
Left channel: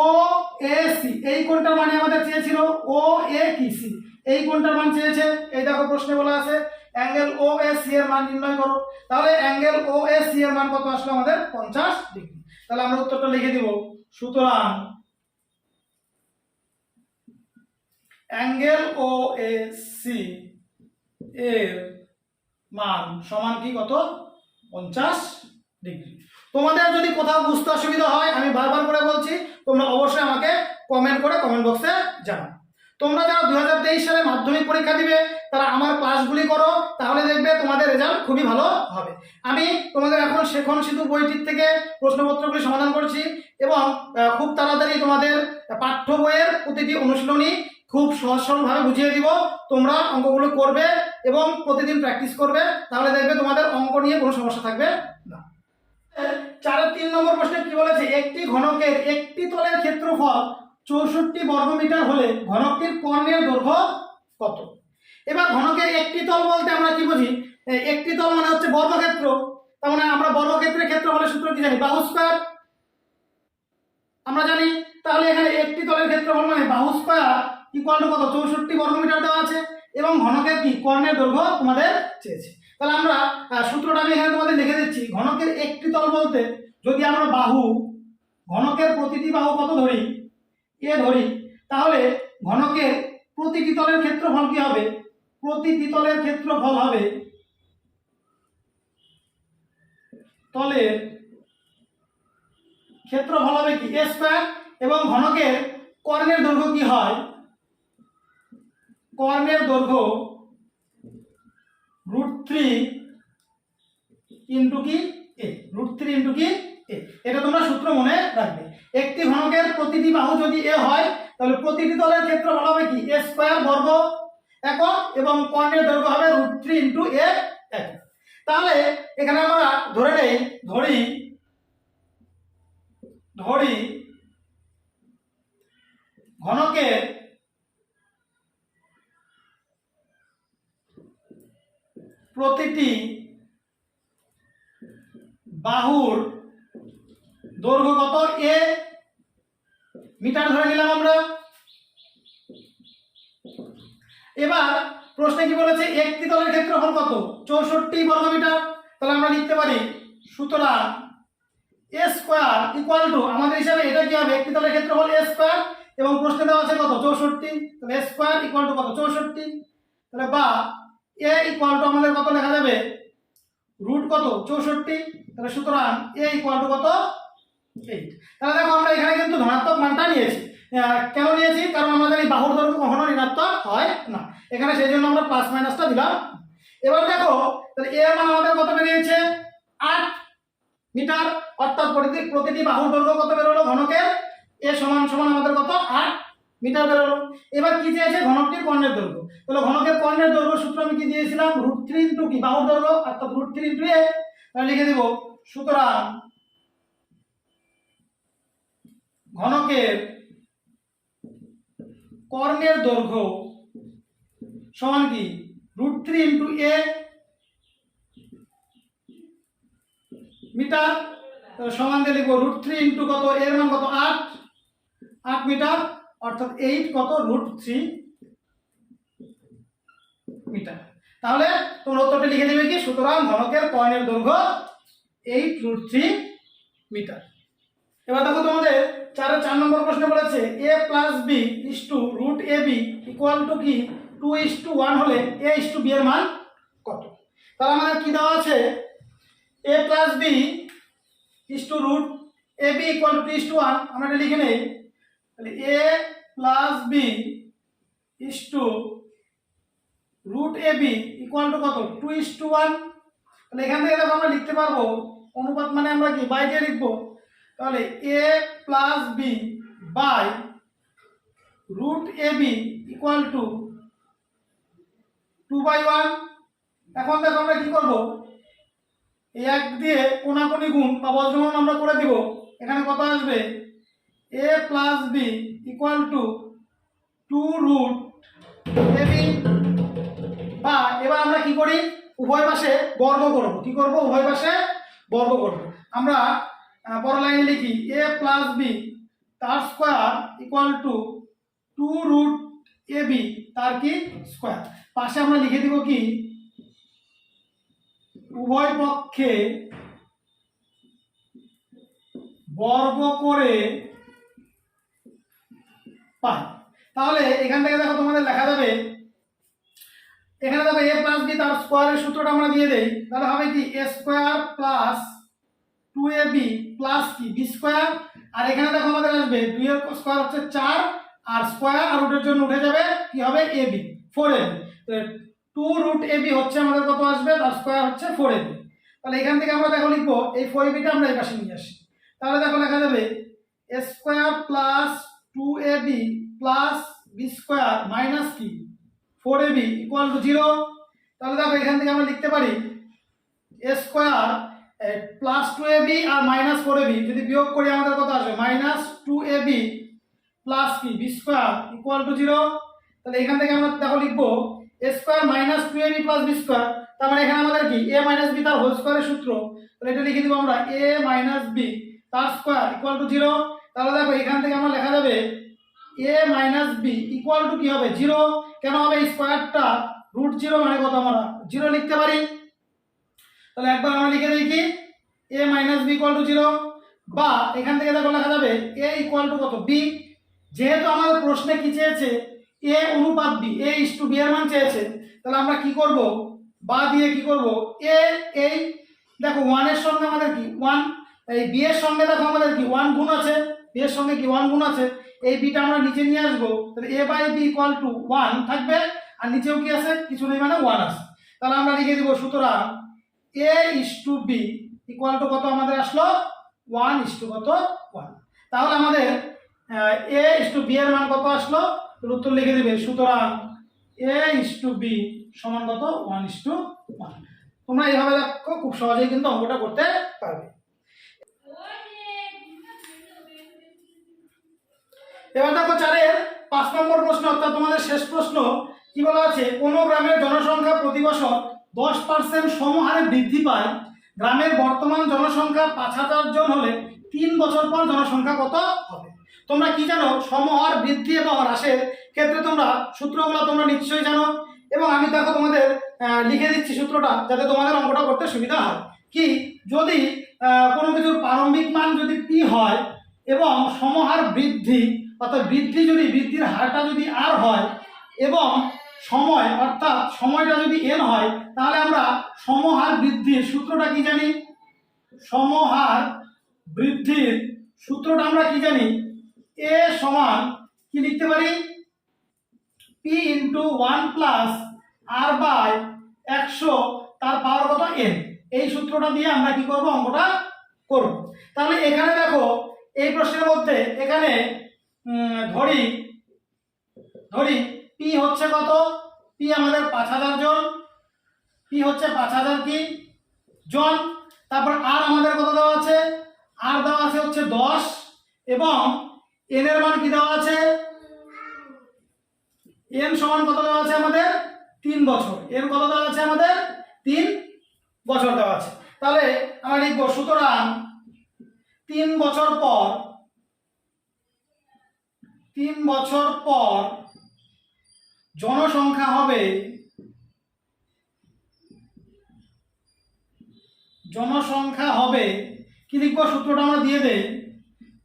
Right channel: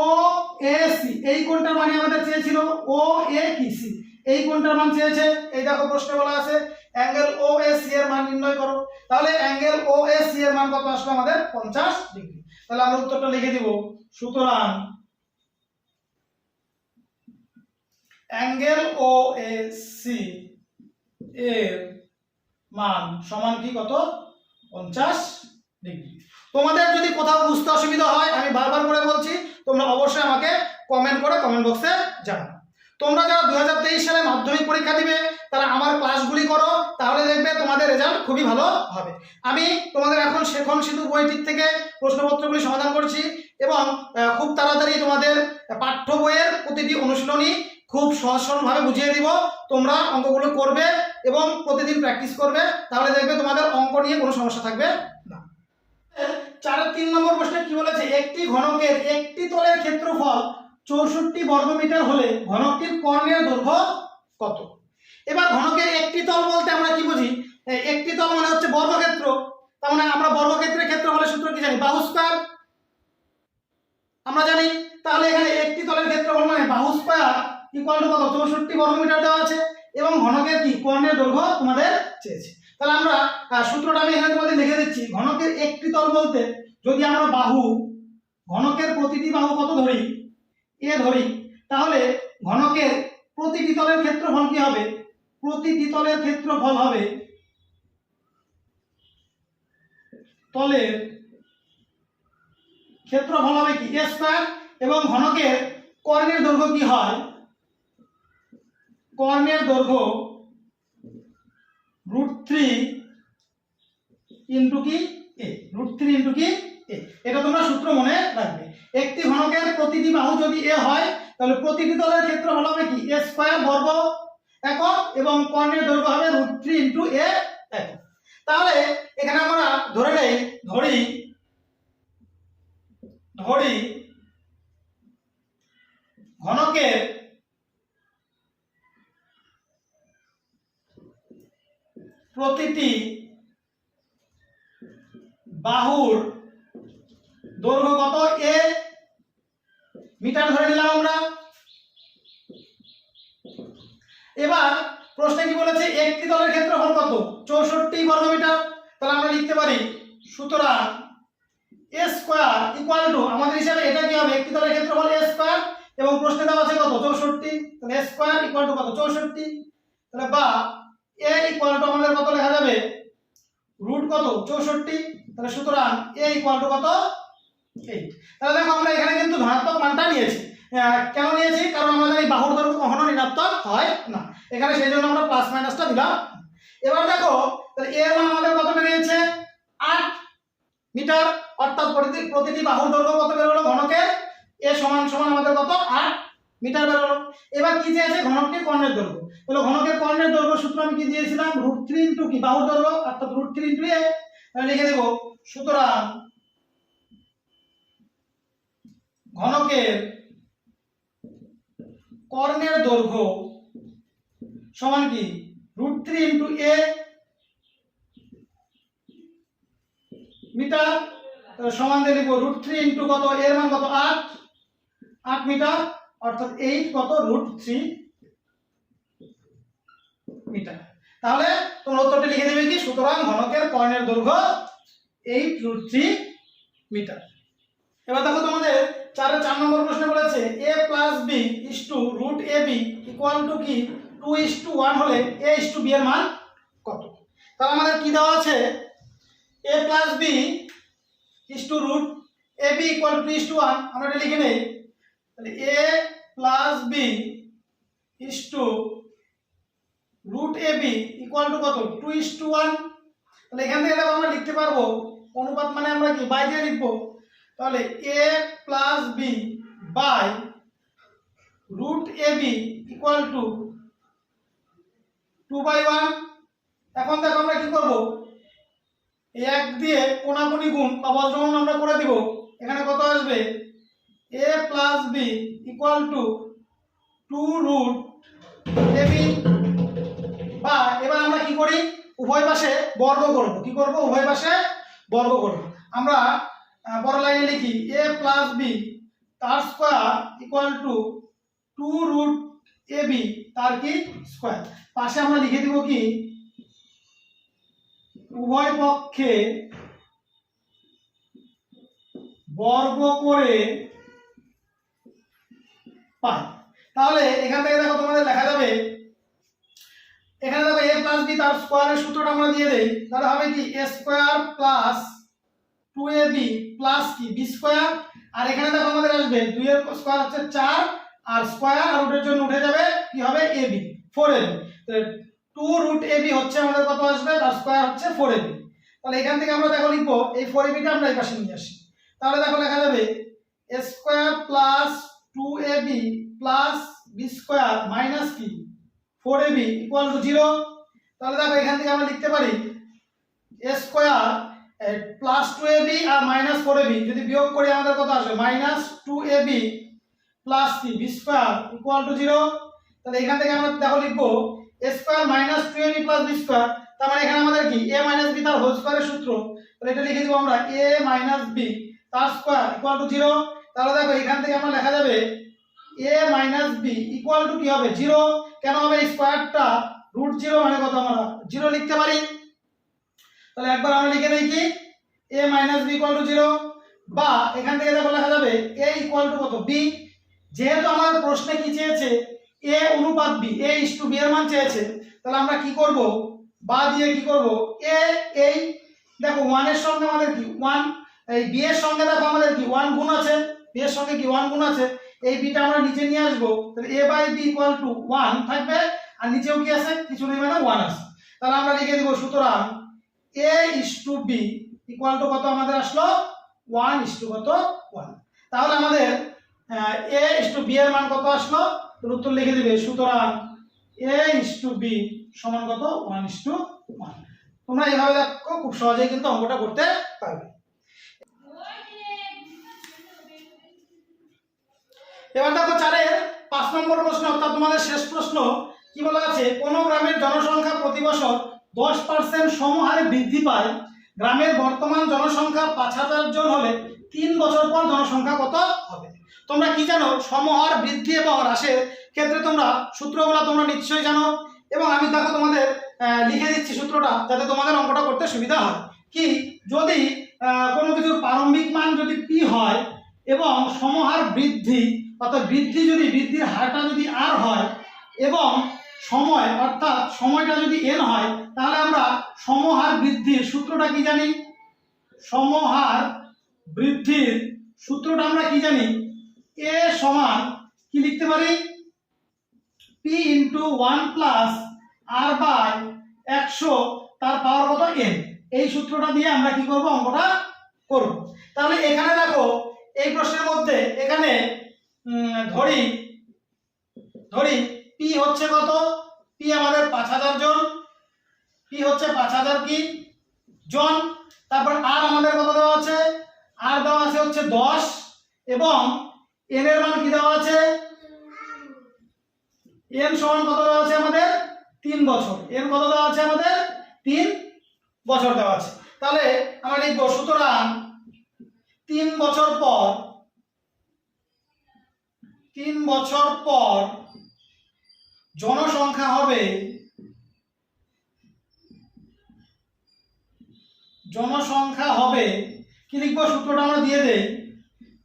এ সি এই কোণটার মানে আমাদের চেয়েছিল, ও এ কি সি এই কোণটার মান চেয়েছে। এই দেখো প্রশ্নে বলা আছে অ্যাঙ্গেল ও এ সি এর মান নির্ণয় করো। তাহলে অ্যাঙ্গেল ও এ সি এর মান কত আসলো আমাদের, 50 ডিগ্রি। তাহলে আমরা উত্তরটা লিখে দিব, সুতরাং অ্যাঙ্গেল ও এ সি এর মান সমান কি কত, 50 ডিগ্রি। তোমাদের যদি কোথাও বুঝতে অসুবিধা হয়, আমি বারবার করে বলছি, তোমরা অবশ্যই আমাকে কমেন্ট করে কমেন্ট বক্সে জানাও। তোমরা যারা 2023 সালে মাধ্যমিক পরীক্ষা দিবে তারা আমার ক্লাসগুলি করো, তাহলে দেখবে তোমাদের রেজাল্ট খুবই ভালো হবে। আমি তোমাদের এখন শেখন সিধু বইটির থেকে প্রশ্নপত্রগুলি সমাধান করছি এবং খুব তাড়াতাড়ি তোমাদের পাঠ্য বইয়ের প্রতিটি অনুশীলনী খুব সহজ সরলভাবে বুঝিয়ে দিব। তোমরা অঙ্কগুলো করবে এবং প্রতিদিন প্র্যাকটিস করবে, তাহলে দেখবে তোমাদের অঙ্ক নিয়ে কোনো সমস্যা থাকবে না। 4-3 নম্বর প্রশ্নে কি বলেছে, একটি ঘনকের একটি তলের ক্ষেত্রফল 64 বর্গমিটার হলে ঘনকটির কর্ণের দৈর্ঘ্য কত। এবার ঘনকের একটি তল বলতে আমরা কি বুঝি, একটি তল মানে হচ্ছে বর্গক্ষেত্র। তার মানে আমরা বর্গক্ষেত্রের ক্ষেত্রফলের সূত্র কি জানি, বাহু স্কয়ার আমরা জানি। তাহলে এখানে একটি তলের ক্ষেত্রফল মানে বাহু স্কয়ার ইকুয়াল টু কত, 64 বর্গমিটার দেওয়া আছে এবং ঘনকের কি কর্ণের দৈর্ঘ্য তোমাদের চেয়েছে। তাহলে আমরা সূত্রটা আমি এখানে তোমাদের লিখে দিচ্ছি। ঘনকের একটি তল বলতে যদি আমরা বাহু, ঘনকের প্রতিটি বাহু কত ধরি, এ ধরি, তাহলে ঘনকের প্রতিটি তলের ক্ষেত্রফল কি হবে, প্রতিটি তলের ক্ষেত্রফল হবে তলের ক্ষেত্রফল হবে কি এ স্কয়ার এবং ঘনকের কর্ণের দৈর্ঘ্য কি হয়, কর্ণের দৈর্ঘ্য √3 ইনটু কি এ, √3 ইনটু কি এ। এটা তোমরা সূত্র মনে রাখবে। একটি ঘনকের প্রতিটি বাহু যদি এ হয় তাহলে প্রতিটি তলের ক্ষেত্রফল হবে কি এ স্কয়ার বর্গ একক এবং কর্ণের দৈর্ঘ্য হবে √3 ইনটু এ একক। তাহলে এখানে আমরা ধরে নেই, ধরি ঘনকের প্রতিটি বাহুর দৈর্ঘ্য কত? এ মিটার ধরে নিলাম আমরা। এবার প্রশ্নে কি বলেছে? একটি তলের ক্ষেত্রফল কত? 64 বর্গ মিটার। তাহলে আমরা লিখতে পারি সুতরাং a স্কয়ার ইকুয়াল টু, আমাদের হিসাবে এটা কি হবে? একটি তলের ক্ষেত্রফল a স্কয়ার এবং প্রশ্নে দেওয়া আছে কত? 64। তাহলে a স্কয়ার ইকুয়াল টু কত? 64। তাহলে বা a ইকুয়াল টু আমাদের কত লেখা যাবে? রুট কত? 64। তাহলে সুতরাং a ইকুয়াল টু কত? 8। তাহলে দেখো আমরা এখানে কিন্তু ধনাত্মক মানটা নিয়েছি। কেন নিয়েছি? কারণ আমাদের এই বাহুর দৈর্ঘ্য কখনো ঋণাত্মক হয় না এখানে, সেই জন্য আমরা প্লাস মাইনাসটা দিলাম। এবার দেখো তাহলে a এর মান আমাদের কত বেরিয়েছে? 8 মিটার, অর্থাৎ প্রতিটি বাহুর দৈর্ঘ্য কত বেরোলো? ঘনকের a সমান সমান আমাদের কত? 8 মিটার বেরোলো। এবার কি চেয়েছে? ঘনকটির কর্ণের দৈর্ঘ্য। তাহলে ঘনকের কর্ণের দৈর্ঘ্য সূত্র আমি কি দিয়েছিলাম? √3 ইনটু কি? বাহুর দৈর্ঘ্য, অর্থাৎ √3 ইনটু a। তাহলে লিখে দেব সুতরাং ঘনকের কর্ণের দৈর্ঘ্য সমান কি? √3 ইনটু a মিটার। তাহলে সমান দিয়ে লিখবো √3 ইনটু কত? এর মান কত? 8 মিটার, অর্থাৎ 8 কত? √3 মিটার। তাহলে তোমরা উত্তরটা লিখে দেবে কি? সুতরাং ঘনকের কর্ণের দৈর্ঘ্য 8 √3 মিটার। এবার দেখো তোমাদের 4 নম্বর প্রশ্নে বলেছে a plus b is to √ab equal to কি 2:1 হলে a:b এর মান কত? তাহলে আমাদের কি দেওয়া আছে? a plus b is to √ab equal to 2:1। আমরা এটা লিখে নেই। তাহলে a plus b is to √ab equal to কত? 2:1। তাহলে এখান থেকে দেখো আমরা লিখতে পারবো অনুপাত মানে আমরা কি বাই দিয়ে লিখবো। তাহলে a plus b by √ab equal to 2/1। এখন দেখো আমরা কি করব? এই 1 দিয়ে কোণাকুণি গুণ বা বজ্রগুণ আমরা করে দিব। এখানে কত আসবে? a plus b equal two 2√ab। বা এবার আমরা কি করি? উভয় পাশে বর্গ করব। কি করব? উভয় পাশে বর্গ করব। আমরা বড় লাইনে লিখি a প্লাস b তার স্কয়ার ইকুয়াল টু 2√ab তার কি স্কয়ার। পাশে আমরা লিখে দিব কি? উভয় পক্ষে বর্গ করে পাই। তাহলে এখান থেকে দেখো তোমাদের লেখা যাবে, এখানে দেখো a প্লাস b তার স্কয়ারের সূত্রটা আমরা দিয়ে দেই। তাহলে হবে কি? a square plus 2ab plus কি b স্কয়ার। আর এখানে দেখো আমাদের আসবে 2 এর স্কয়ার হচ্ছে 4 আর স্কয়ার আর রুটের জন্য উঠে যাবে কি হবে? ab 4ab। তাহলে 2√ab হচ্ছে আমাদের কত আসবে? তার স্কয়ার হচ্ছে 4ab। তাহলে এখান থেকে আমরা দেখো লিখবো এই 4ab টা আমরা এই পাশে নিয়ে আসি। তাহলে দেখো লেখা যাবে a square plus 2ab plus b square minus কি 4ab ইকুয়াল টু 0। তাহলে দেখো এখান থেকে আমরা লিখতে পারি a স্কয়ার প্লাস 2ab আর মাইনাস 4ab যদি বিয়োগ করি আমাদের কত আসবে? মাইনাস 2ab প্লাস কি b স্কয়ার ইকুয়াল টু 0। তাহলে এখান থেকে আমরা দেখো লিখবো a square minus 2ab plus b square. তার মানে এখানে আমাদের কি a মাইনাস b তার হোল স্কয়ারের সূত্র। তাহলে এটা লিখে দিব আমরা a মাইনাস b তার স্কয়ার ইকুয়াল টু 0। তাহলে দেখো এখান থেকে আমরা লেখা যাবে a minus b equal to কি হবে? 0। কেন হবে? স্কয়ারটা √0 মানে কত? আমরা 0 লিখতে পারি। তাহলে একবার আমরা লিখে দেই কি a minus b equal to 0। বা এখান থেকে দেখো লেখা যাবে a ইকুয়াল টু কত? b। যেহেতু আমাদের প্রশ্নে কি চেয়েছে? a অনুপাত b, a:b এর মান চেয়েছে। তাহলে আমরা কি করব? বা দিয়ে কি করব? a এই দেখো 1 এর সঙ্গে আমাদের কি 1, এই b এর সঙ্গে দেখো আমাদের কি 1 গুণ আছে, b এর সঙ্গে কি 1 গুণ আছে। এই b টা আমরা নিচে নিয়ে আসব। তাহলে a by b equal to 1 থাকবে আর নিচেও কি আছে? কিছু নেই মানে 1 আছে। তাহলে আমরা লিখে দিব সুতরাং a:b ইকুয়াল টু কত আমাদের আসলো? 1:1। তাহলে আমাদের a:b এর মান কত আসলো? তাহলে উত্তর লিখে দিবে সুতরাং a:b সমান কত? 1:1। তোমরা এইভাবে দেখো খুব সহজেই কিন্তু অঙ্কটা করতে পারবে। এবার দেখো 4-এর 5 নম্বর প্রশ্ন, অর্থাৎ তোমাদের শেষ প্রশ্ন। কি বলা আছে? কোন গ্রামের জনসংখ্যা প্রতি বছর 10% সমহারে বৃদ্ধি পায়। গ্রামের বর্তমান জনসংখ্যা 5000 জন হলে 3 বছর পর জনসংখ্যা কত হবে? তোমরা কি জানো? সমহার বৃদ্ধি এবং হ্রাসের ক্ষেত্রে তোমরা সূত্রগুলো তোমরা নিশ্চয়ই জানো, এবং আমি দেখো তোমাদের লিখে দিচ্ছি সূত্রটা, যাতে তোমাদের অঙ্কটা করতে সুবিধা হয়। কি, যদি কোনো কিছুর প্রারম্ভিক মান যদি পি হয় এবং সমহার বৃদ্ধি, অর্থাৎ বৃদ্ধির হারটা যদি আর হয় এবং সময় অর্থাৎ সময়টা যদি এন হয়, তাহলে আমরা সমহার বৃদ্ধির সূত্রটা কি জানি? সমহার বৃদ্ধির সূত্রটা আমরা কি জানি? এ সমান কি লিখতে পারি? P into 1 plus R by 100 তার পাওয়ার কত এন। এই সূত্রটা দিয়ে আমরা কি করব? অঙ্কটা করব। তাহলে এখানে দেখো এই প্রশ্নের মধ্যে এখানে ধরি পি হচ্ছে কত? পি আমাদের 5000 জন, পি হচ্ছে 5000 কি জন। তারপর আর আমাদের কত দেওয়া আছে? আর দেওয়া আছে হচ্ছে 10, এবং এন এর মান কি দেওয়া আছে? এন সমান কত দেওয়া আছে আমাদের? 3 বছর। এন কত দেওয়া আছে আমাদের? 3 বছর দেওয়া আছে। তাহলে আমরা লিখব সুতরাং 3 বছর পর জনসংখ্যা হবে কি লিখবো? সূত্রটা আমরা দিয়ে দেই,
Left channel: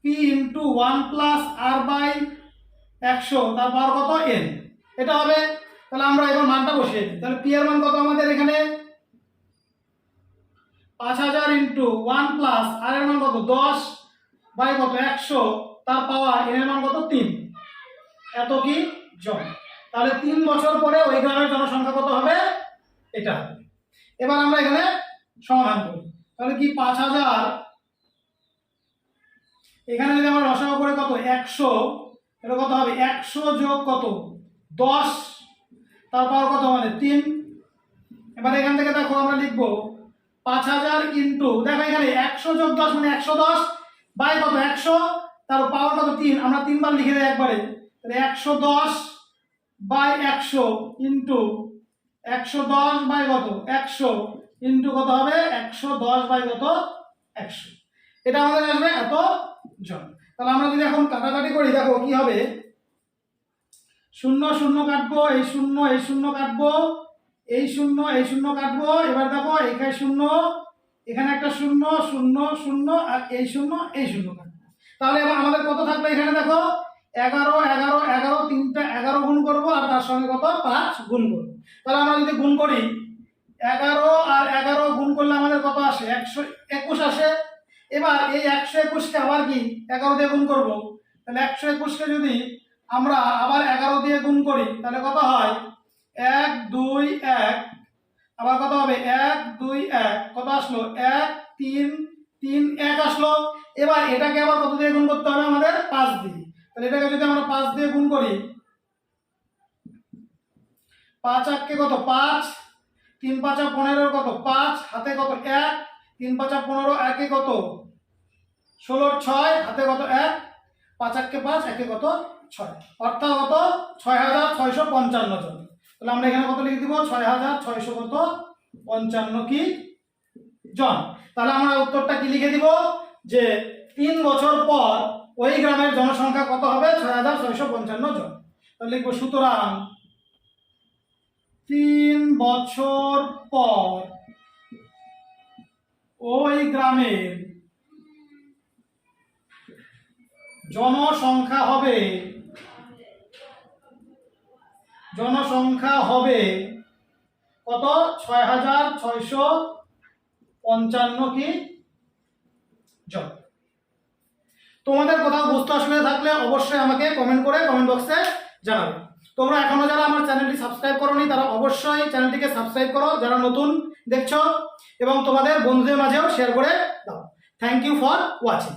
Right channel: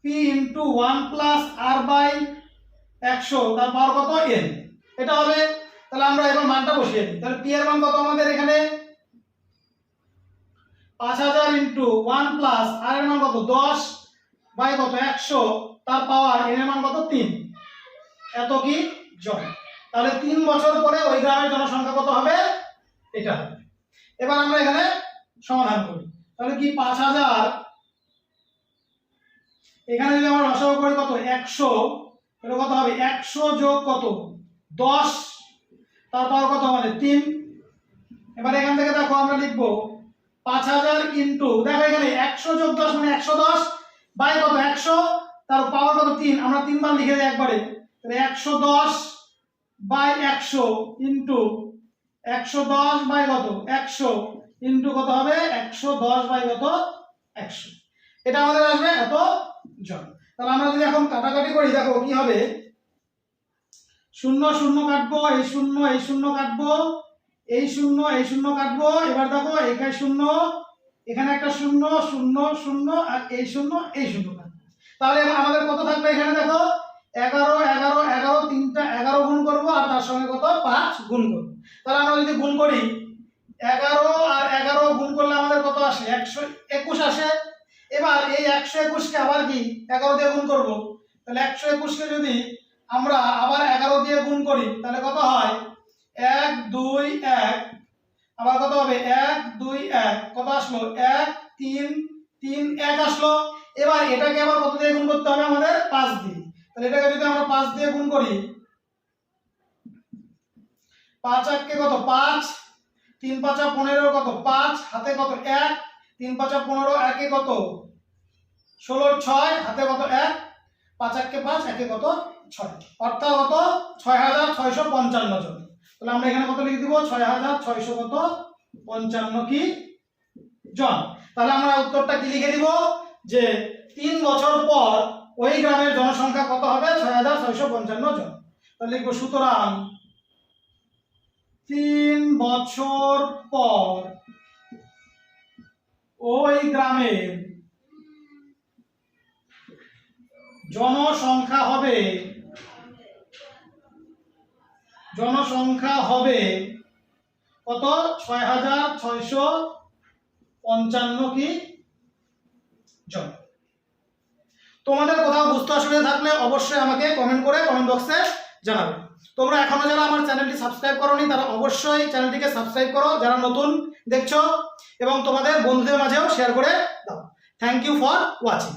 P into 1 plus R by 100 তার পাওয়ার কত এন। এটা হবে। তাহলে আমরা এবার মানটা বসিয়ে দিই। তাহলে পি এর মান কত আমাদের এখানে? 5000 ইন্টু 1 প্লাস আর এর মান কত? 10 বাই কত? 100 তার পাওয়ার এন এর মান কত? 3। এত কি জন। তাহলে 3 বছর পরে ওই গ্রামের জনসংখ্যা কত হবে? এটা হবে। এবার আমরা এখানে সমাধান করি। তাহলে কি 5000, এখানে যদি আমরা লসাগু করি কত? 100, তাহলে কত হবে? 100 যোগ কত? 10 তার পাওয়ার কত? মানে 3। এবার এখান থেকে দেখো আমরা লিখব 5000 ইন্টু, দেখো এখানে 100 যোগ 10 মানে 110 বাই কত? 100 তার পাওয়ার কত? 3। আমরা 3 বার লিখে দিই একবারে। তাহলে 110 বাই 100 ইন্টু 110 বাই কত? 100 ইন্টু কত হবে? 110 বাই কত? 100। এটা আমাদের আসবে এত জন। তাহলে আমরা যদি এখন কাটাকাটি করি, দেখো কি হবে? 0 0 কাটবো, এই 0 কাটবো, এই 0 কাটবো। এবার দেখো এখানে 0, এখানে একটা 0 0 0 আর এই 0 কাটবো। তাহলে এবার আমাদের কত থাকবে? এখানে দেখো 11 11 11, তিনটা 11 গুণ করবো আর তার সঙ্গে কত? 5 গুণ করবো। তাহলে আমরা যদি গুণ করি 11 আর 11 গুণ করলে আমাদের কত আসে? 121 আসে। এবার এই 121 কে আবার কি 11 দিয়ে গুণ করব। তাহলে 121 কে যদি আমরা আবার 11 দিয়ে গুণ করি তাহলে কত হয়? 1 2 1, আবার কত হবে? 1 2 1, কত আসলো? 1 3 3 1 আসলো। এবার এটাকে আবার কত দিয়ে গুণ করতে হবে? আমাদের 5 দিয়ে। তাহলে এটাকে যদি আমরা 5 দিয়ে গুণ করি, 5 8 কে কত? 5, 3 5 15 কত? 5, হাতে কত? 1, 3 5 15, 1 এ কত? 16 6, হাতে কত? 1, 5 8 কে 5, 1 এ কত? 6, অর্থাৎ কত? 6655 জন। তাহলে আমরা এখানে কত লিখে দিব? 6655 কি জন। তাহলে আমরা উত্তরটা কি লিখে দিব? যে 3 বছর পর ওই গ্রামের জনসংখ্যা কত হবে? 6655 জন। তাহলে লিখব সুতরাং 3 বছর পর ওই গ্রামের জনসংখ্যা হবে কত? 6655 কি জন। তোমাদের কোথাও বুঝতে অসুবিধা থাকলে অবশ্যই আমাকে কমেন্ট বক্সে জানাবে। তোমরা এখনো যারা আমার চ্যানেলটি সাবস্ক্রাইব করোনি তারা অবশ্যই চ্যানেলটিকে সাবস্ক্রাইব করো, যারা নতুন দেখছো, এবং তোমাদের বন্ধুদের মাঝেও শেয়ার করে দাও। Thank you for watching.